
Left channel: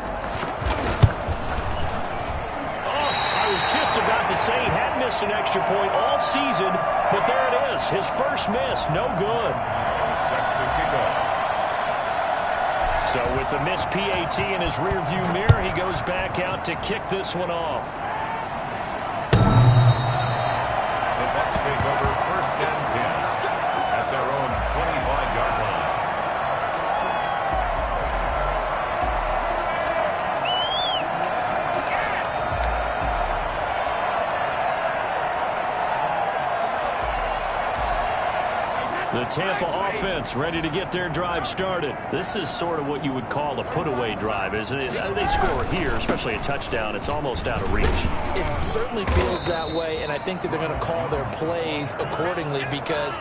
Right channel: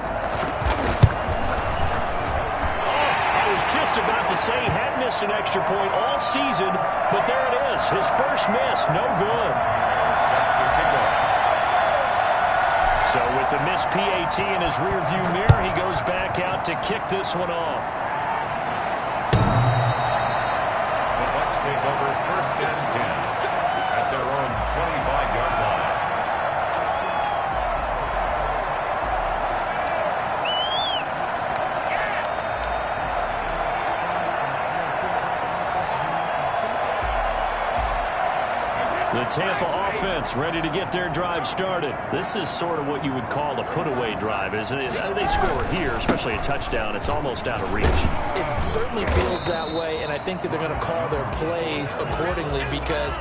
I was just about to say he hadn't missed an extra point all season, but there it is. His first miss, no good. Set to kick off. So with the missed PAT in his rearview mirror, he goes back out to kick this one off. The Bucs take over 1st and 10 at their own 25-yard line. The Tampa offense ready to get their drive started. This is sort of what you would call a put-away drive, isn't it? They score here, especially a touchdown. It's almost out of reach. It certainly feels that way, and I think that they're going to call their plays accordingly because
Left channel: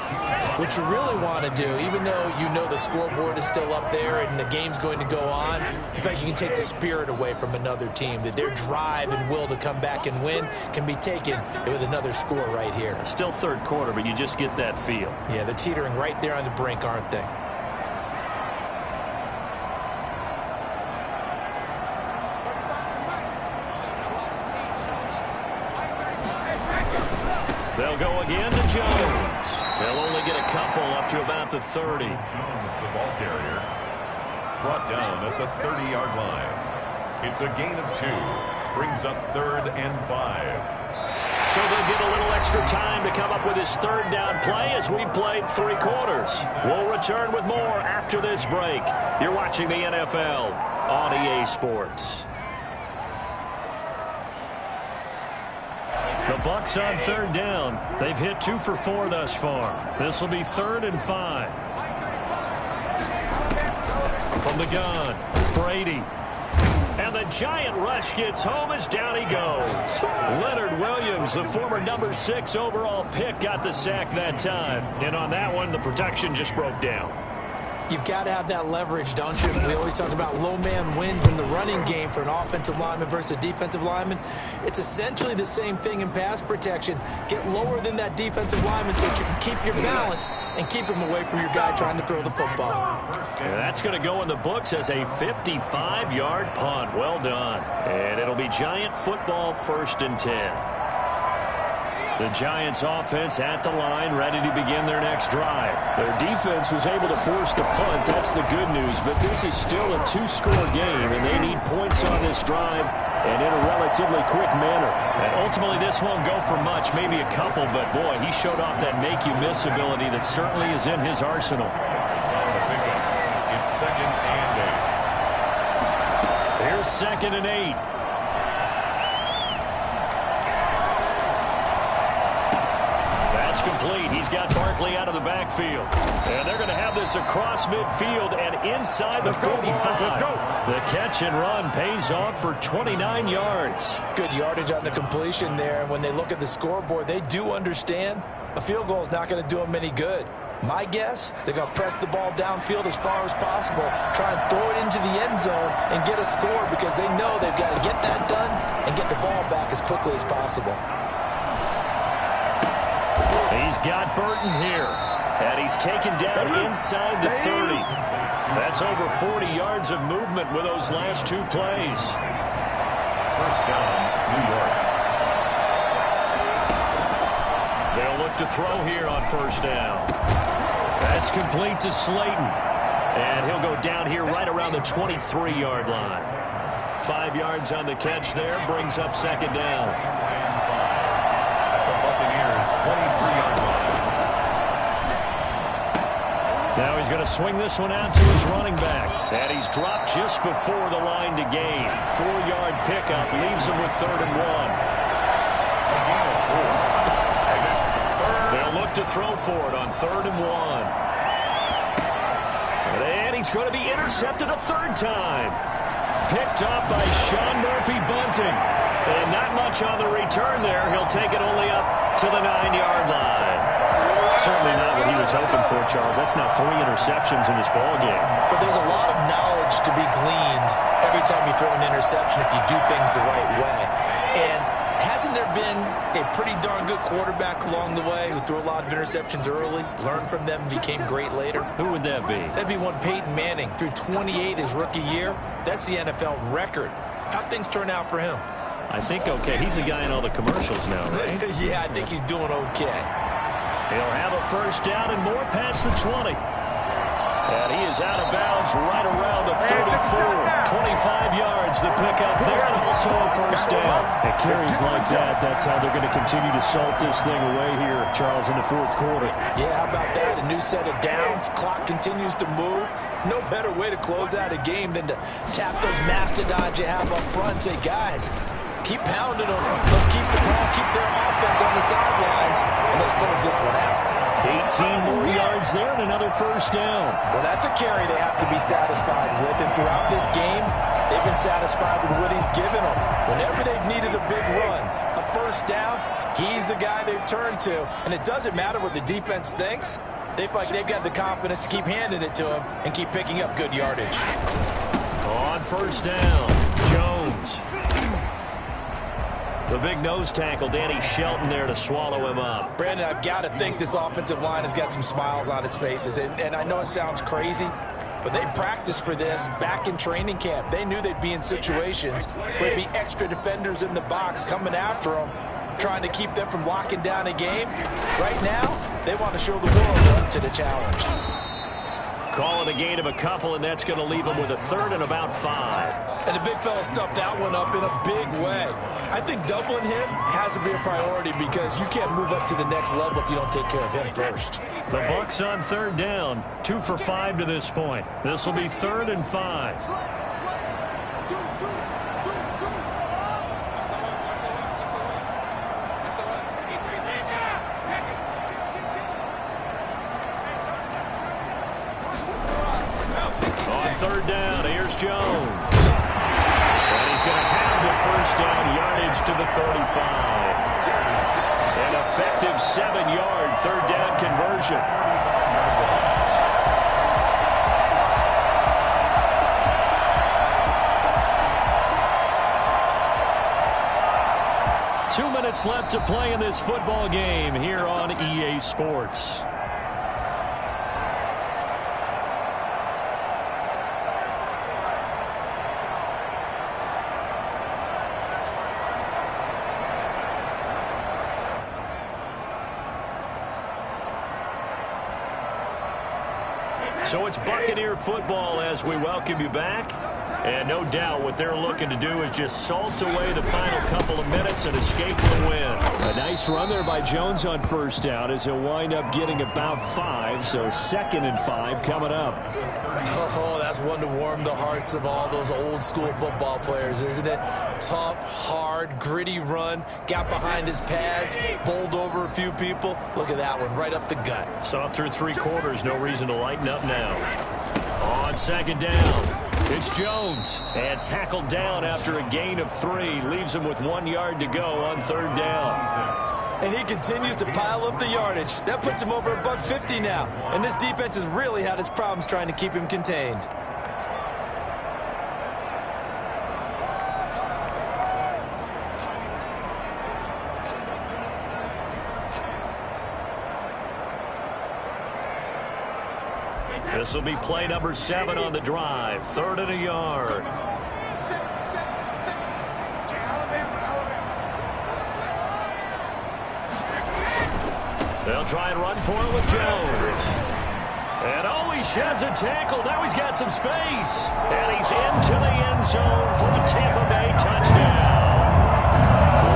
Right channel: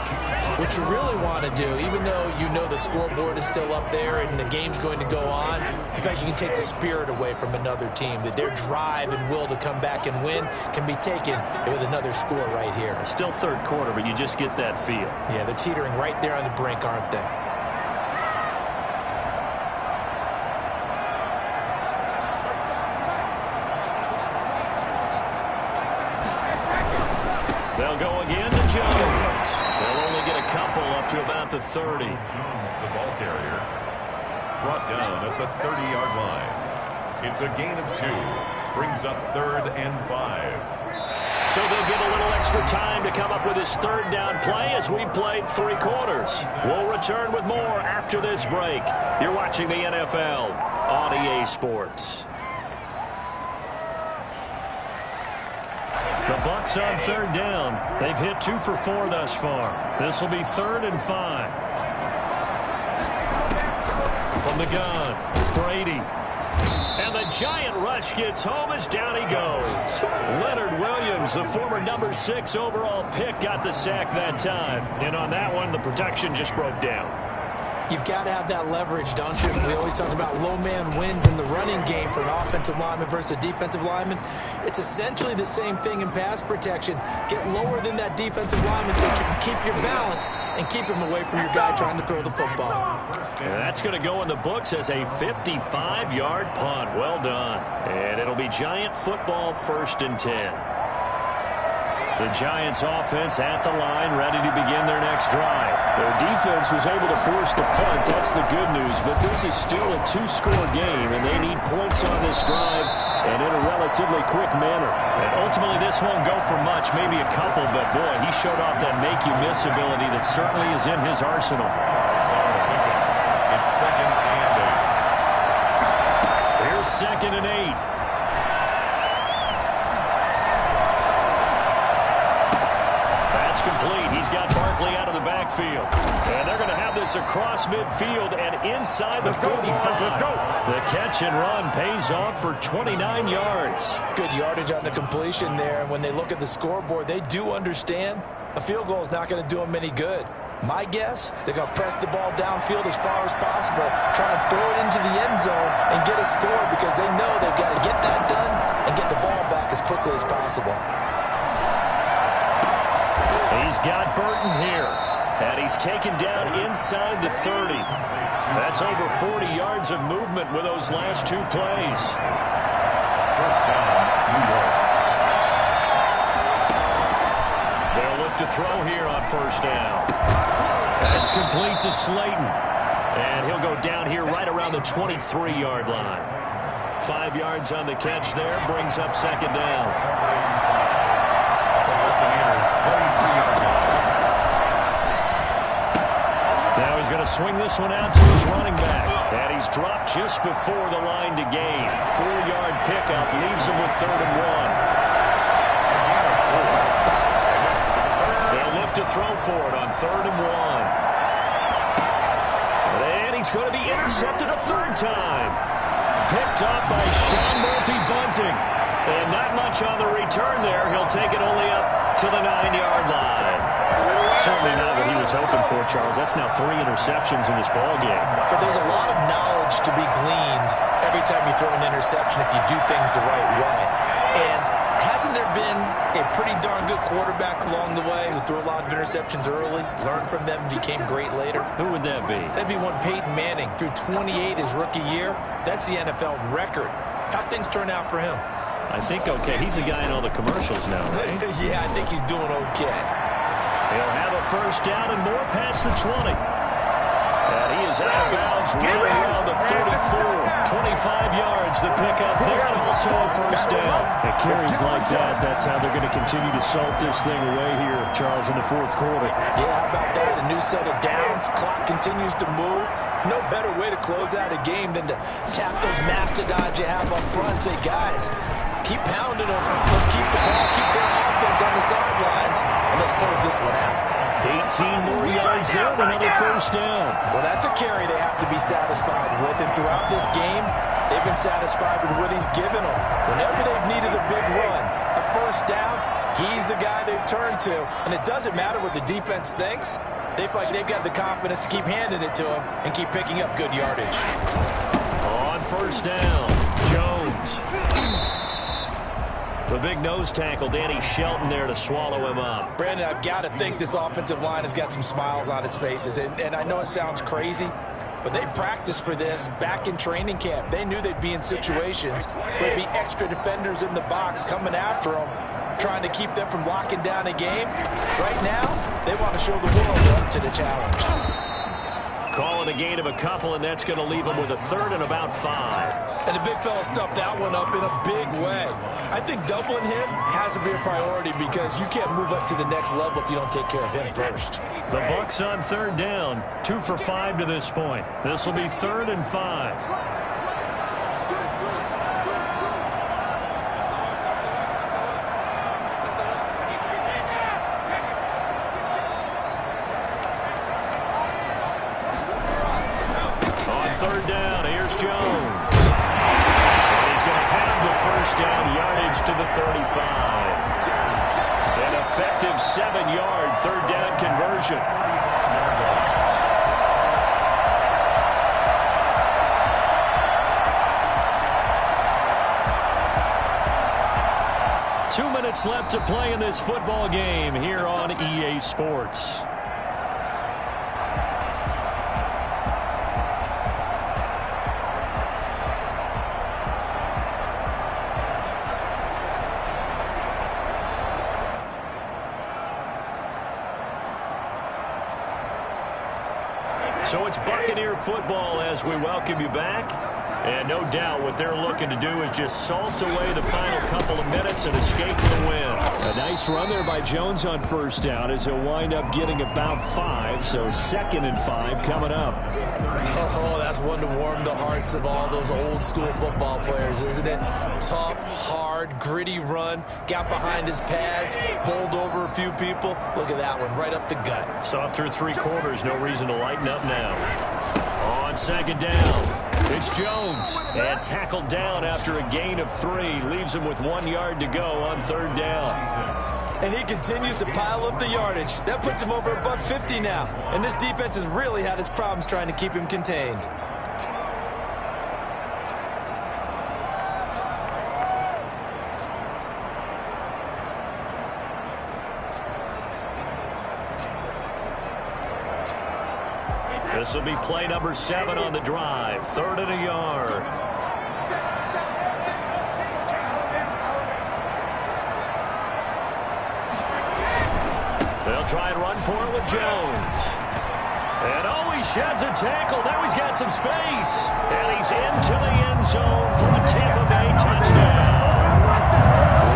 what you really want to do, even though you know the scoreboard is still up there and the game's going to go on, in fact, you can take the spirit away from another team, that their drive and will to come back and win can be taken with another score right here. It's still 3rd quarter, but you just get that feel. Yeah, they're teetering right there on the brink, aren't they? to about the 30. Jones, the ball carrier, brought down at the 30-yard line. It's a gain of 2. Brings up 3rd and 5. So they'll get a little extra time to come up with his third down play as we played 3 quarters. We'll return with more after this break. You're watching the NFL on EA Sports. The Bucs on 3rd down. They've hit 2 for 4 thus far. This will be 3rd and 5. From the gun, Brady. And the giant rush gets home as down he goes. Leonard Williams, the former number 6 overall pick, got the sack that time. And on that one, the protection just broke down. You've got to have that leverage, don't you? We always talk about low man wins in the running game for an offensive lineman versus a defensive lineman. It's essentially the same thing in pass protection. Get lower than that defensive lineman so that you can keep your balance and keep him away from your guy trying to throw the football. And that's going to go in the books as a 55-yard punt. Well done. And it'll be Giant football, 1st and 10. The Giants offense at the line, ready to begin their next drive. Their defense was able to force the punt. That's the good news. But this is still a 2-score game, and they need points on this drive and in a relatively quick manner. And ultimately, this won't go for much, maybe a couple. But, boy, he showed off that make-you-miss ability that certainly is in his arsenal. It's 2nd and 8. Here's 2nd and 8. That's complete. He's got Barkley out of the backfield. And they're going to have this across midfield and inside the 45. The catch and run pays off for 29 yards. Good yardage on the completion there. And when they look at the scoreboard, they do understand a field goal is not going to do them any good. My guess, they're going to press the ball downfield as far as possible, try and throw it into the end zone and get a score because they know they've got to get that done and get the ball back as quickly as possible. He's got Burton here, and he's taken down inside the 30. That's over 40 yards of movement with those last 2 plays. 1st down, New York. They'll look to throw here on 1st down. That's complete to Slayton. And he'll go down here right around the 23-yard line. 5 yards on the catch there, brings up 2nd down. Buccaneers 23-yard line. Now he's going to swing this one out to his running back. And he's dropped just before the line to gain. 4-yard pickup leaves him with 3rd and 1. They'll look to throw for it on 3rd and 1. And he's going to be intercepted a 3rd time. Picked up by Sean Murphy-Bunting. And not much on the return there. He'll take it only up to the 9-yard line. Certainly not what he was hoping for, Charles. That's now 3 interceptions in this ball game. But there's a lot of knowledge to be gleaned every time you throw an interception if you do things the right way. And hasn't there been a pretty darn good quarterback along the way who threw a lot of interceptions early, learned from them, and became great later? Who would that be? That'd be one Peyton Manning. Threw 28 his rookie year. That's the NFL record. How'd things turn out for him? I think okay. He's a guy in all the commercials now, right? Yeah, I think he's doing okay. He'll have a 1st down and more past the 20. And he is out of bounds right around the 34. 25 yards, the pickup there, and also a 1st down. At carries like that, that's how they're going to continue to salt this thing away here, Charles, in the 4th quarter. Yeah, how about that? A new set of downs. Clock continues to move. No better way to close out a game than to tap those mastodons you have up front and say, guys, keep pounding them. Let's keep the ball, keep their offense on the sidelines, and let's close this one out. 18 more yards there and another 1st down. Well, that's a carry they have to be satisfied with, and throughout this game, they've been satisfied with what he's given them. Whenever they've needed a big run, a 1st down, he's the guy they've turned to, and it doesn't matter what the defense thinks. They feel like they've got the confidence to keep handing it to him and keep picking up good yardage. On 1st down, Jones. The big nose tackle, Danny Shelton, there to swallow him up. Brandon, I've got to think this offensive line has got some smiles on its faces. And I know it sounds crazy, but they practiced for this back in training camp. They knew they'd be in situations where there'd be extra defenders in the box coming after them, trying to keep them from locking down a game. Right now, They want to show the world they're up to the challenge. Calling a gain of a couple, and that's going to leave them with a third and about 5. And the big fella stuffed that one up in a big way. I think doubling him has to be a priority because you can't move up to the next level if you don't take care of him first. The Bucs on third down, 2 for 5 to this point. This will be 3rd and 5. On third down, here's Jones. And he's going to have the first down, yardage to the 35. An effective 7-yard third down conversion. 2 minutes left to play in this football game here on EA Sports. So it's Buccaneer football as we welcome you back. And no doubt what they're looking to do is just salt away the final couple of minutes and escape the win. A nice run there by Jones on first down as he'll wind up getting about 5. So 2nd and 5 coming up. Oh, that's one to warm the hearts of all those old school football players, isn't it? Tough, hard, gritty run. Got behind his pads, bowled over a few people. Look at that one, right up the gut. Saw it through 3 quarters. No reason to lighten up now. On 2nd down. It's Jones, and tackled down after a gain of 3. Leaves him with 1 yard to go on 3rd down. And he continues to pile up the yardage. That puts him over $150 now. And this defense has really had its problems trying to keep him contained. This will be play number 7 on the drive. 3rd and a yard. They'll try and run for it with Jones. And oh, he sheds a tackle. Now he's got some space. And he's into the end zone for a Tampa Bay touchdown.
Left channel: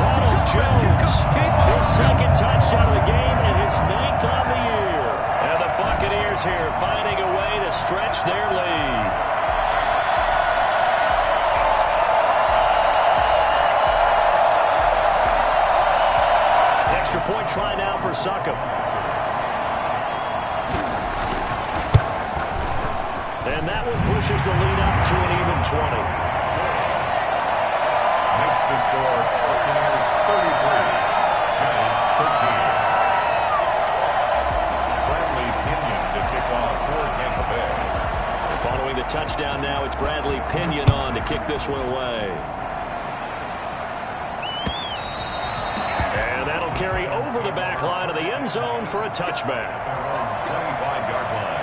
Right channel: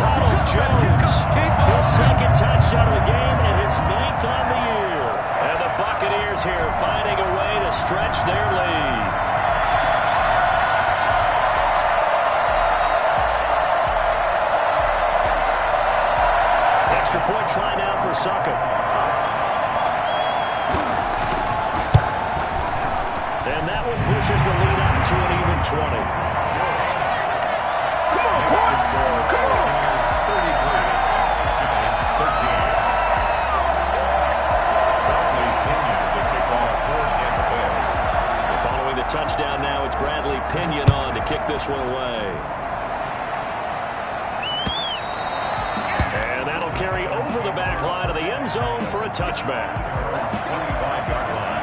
Ronald Jones, his 2nd touchdown of the game and his 9th on the year. And the Buccaneers here finding a way to stretch their lead. Extra point try now for Succop. And that one pushes the lead up to an even 20. Makes the score Buccaneers 33, Giants 13. Bradley Pinion to kick off for Tampa Bay. And following the touchdown now, it's Bradley Pinion on to kick this one away. And that'll carry over the back line of the end zone for a touchback. 25-yard line.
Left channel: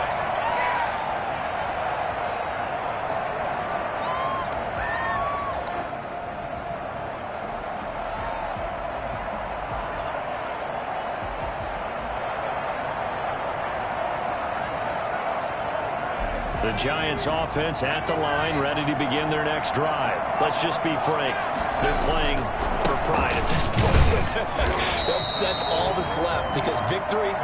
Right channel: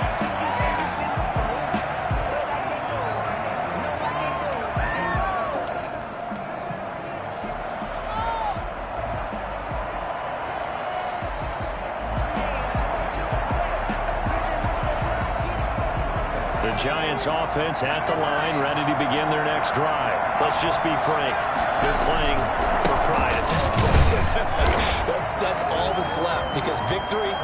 The Giants offense at the line, ready to begin their next drive. Let's just be frank. They're playing for pride at this point. That's all that's left because victory,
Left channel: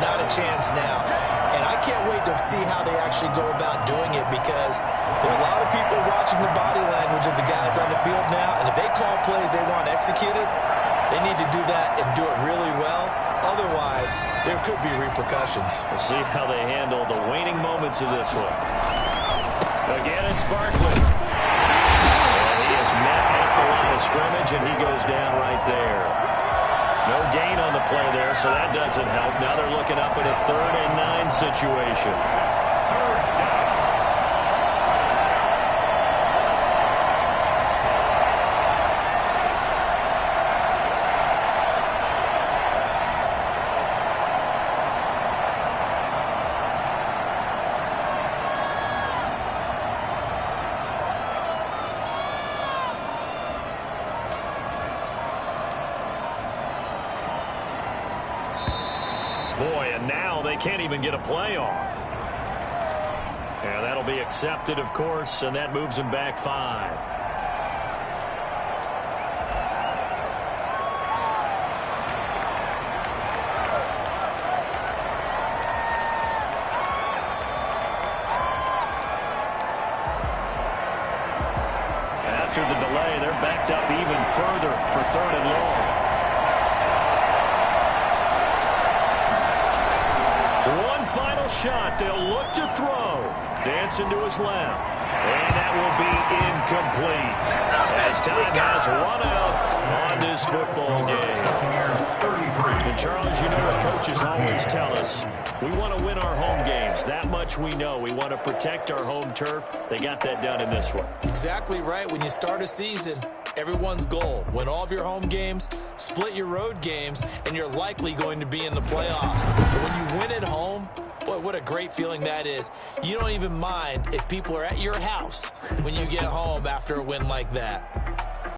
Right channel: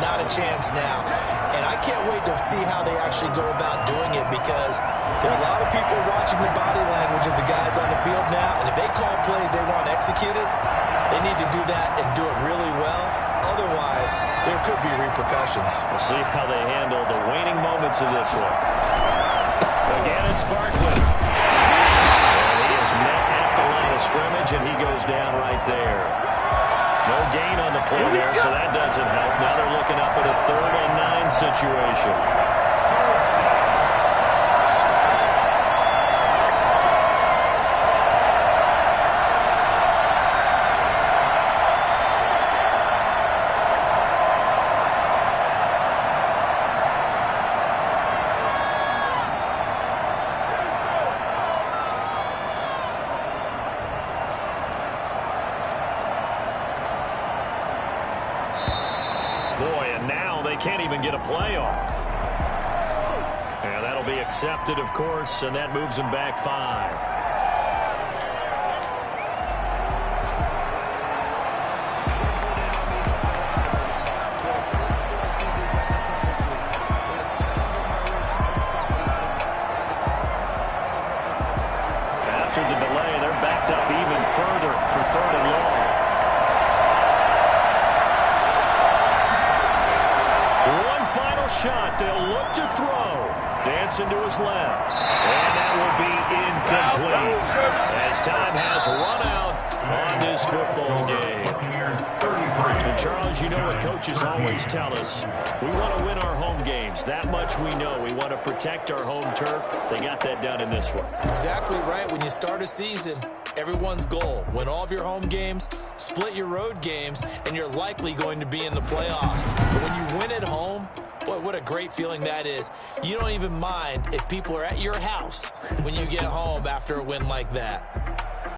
not a chance now. And I can't wait to see how they actually go about doing it because there are a lot of people watching the body language of the guys on the field now. And if they call plays they want executed, they need to do that and do it really well. Otherwise, there could be repercussions. We'll see how they handle the waning moments of this one. Again, it's Barkley. And he is met at the line of scrimmage, and he goes down right there. No gain on the play there, so that doesn't help. Now they're looking up at a 3rd and 9 situation. Boy, they can't even get a playoff. And that'll be accepted, of course, and that moves them back 5. After the delay, they're backed up even further for 3rd and long. One final shot. They'll look to throw. Dancing to his left. And that will be incomplete as time has run out on this football game. And Charles, you know what coaches always tell us. We want to win our home games. That much we know. We want to protect our home turf. They got that done in this one. Exactly right. When you start a season, everyone's goal: win all of your home games, split your road games, and you're likely going to be in the playoffs. But when you win at home, boy, what a great feeling that is. You don't even mind if people are at your house when you get home after a win like that.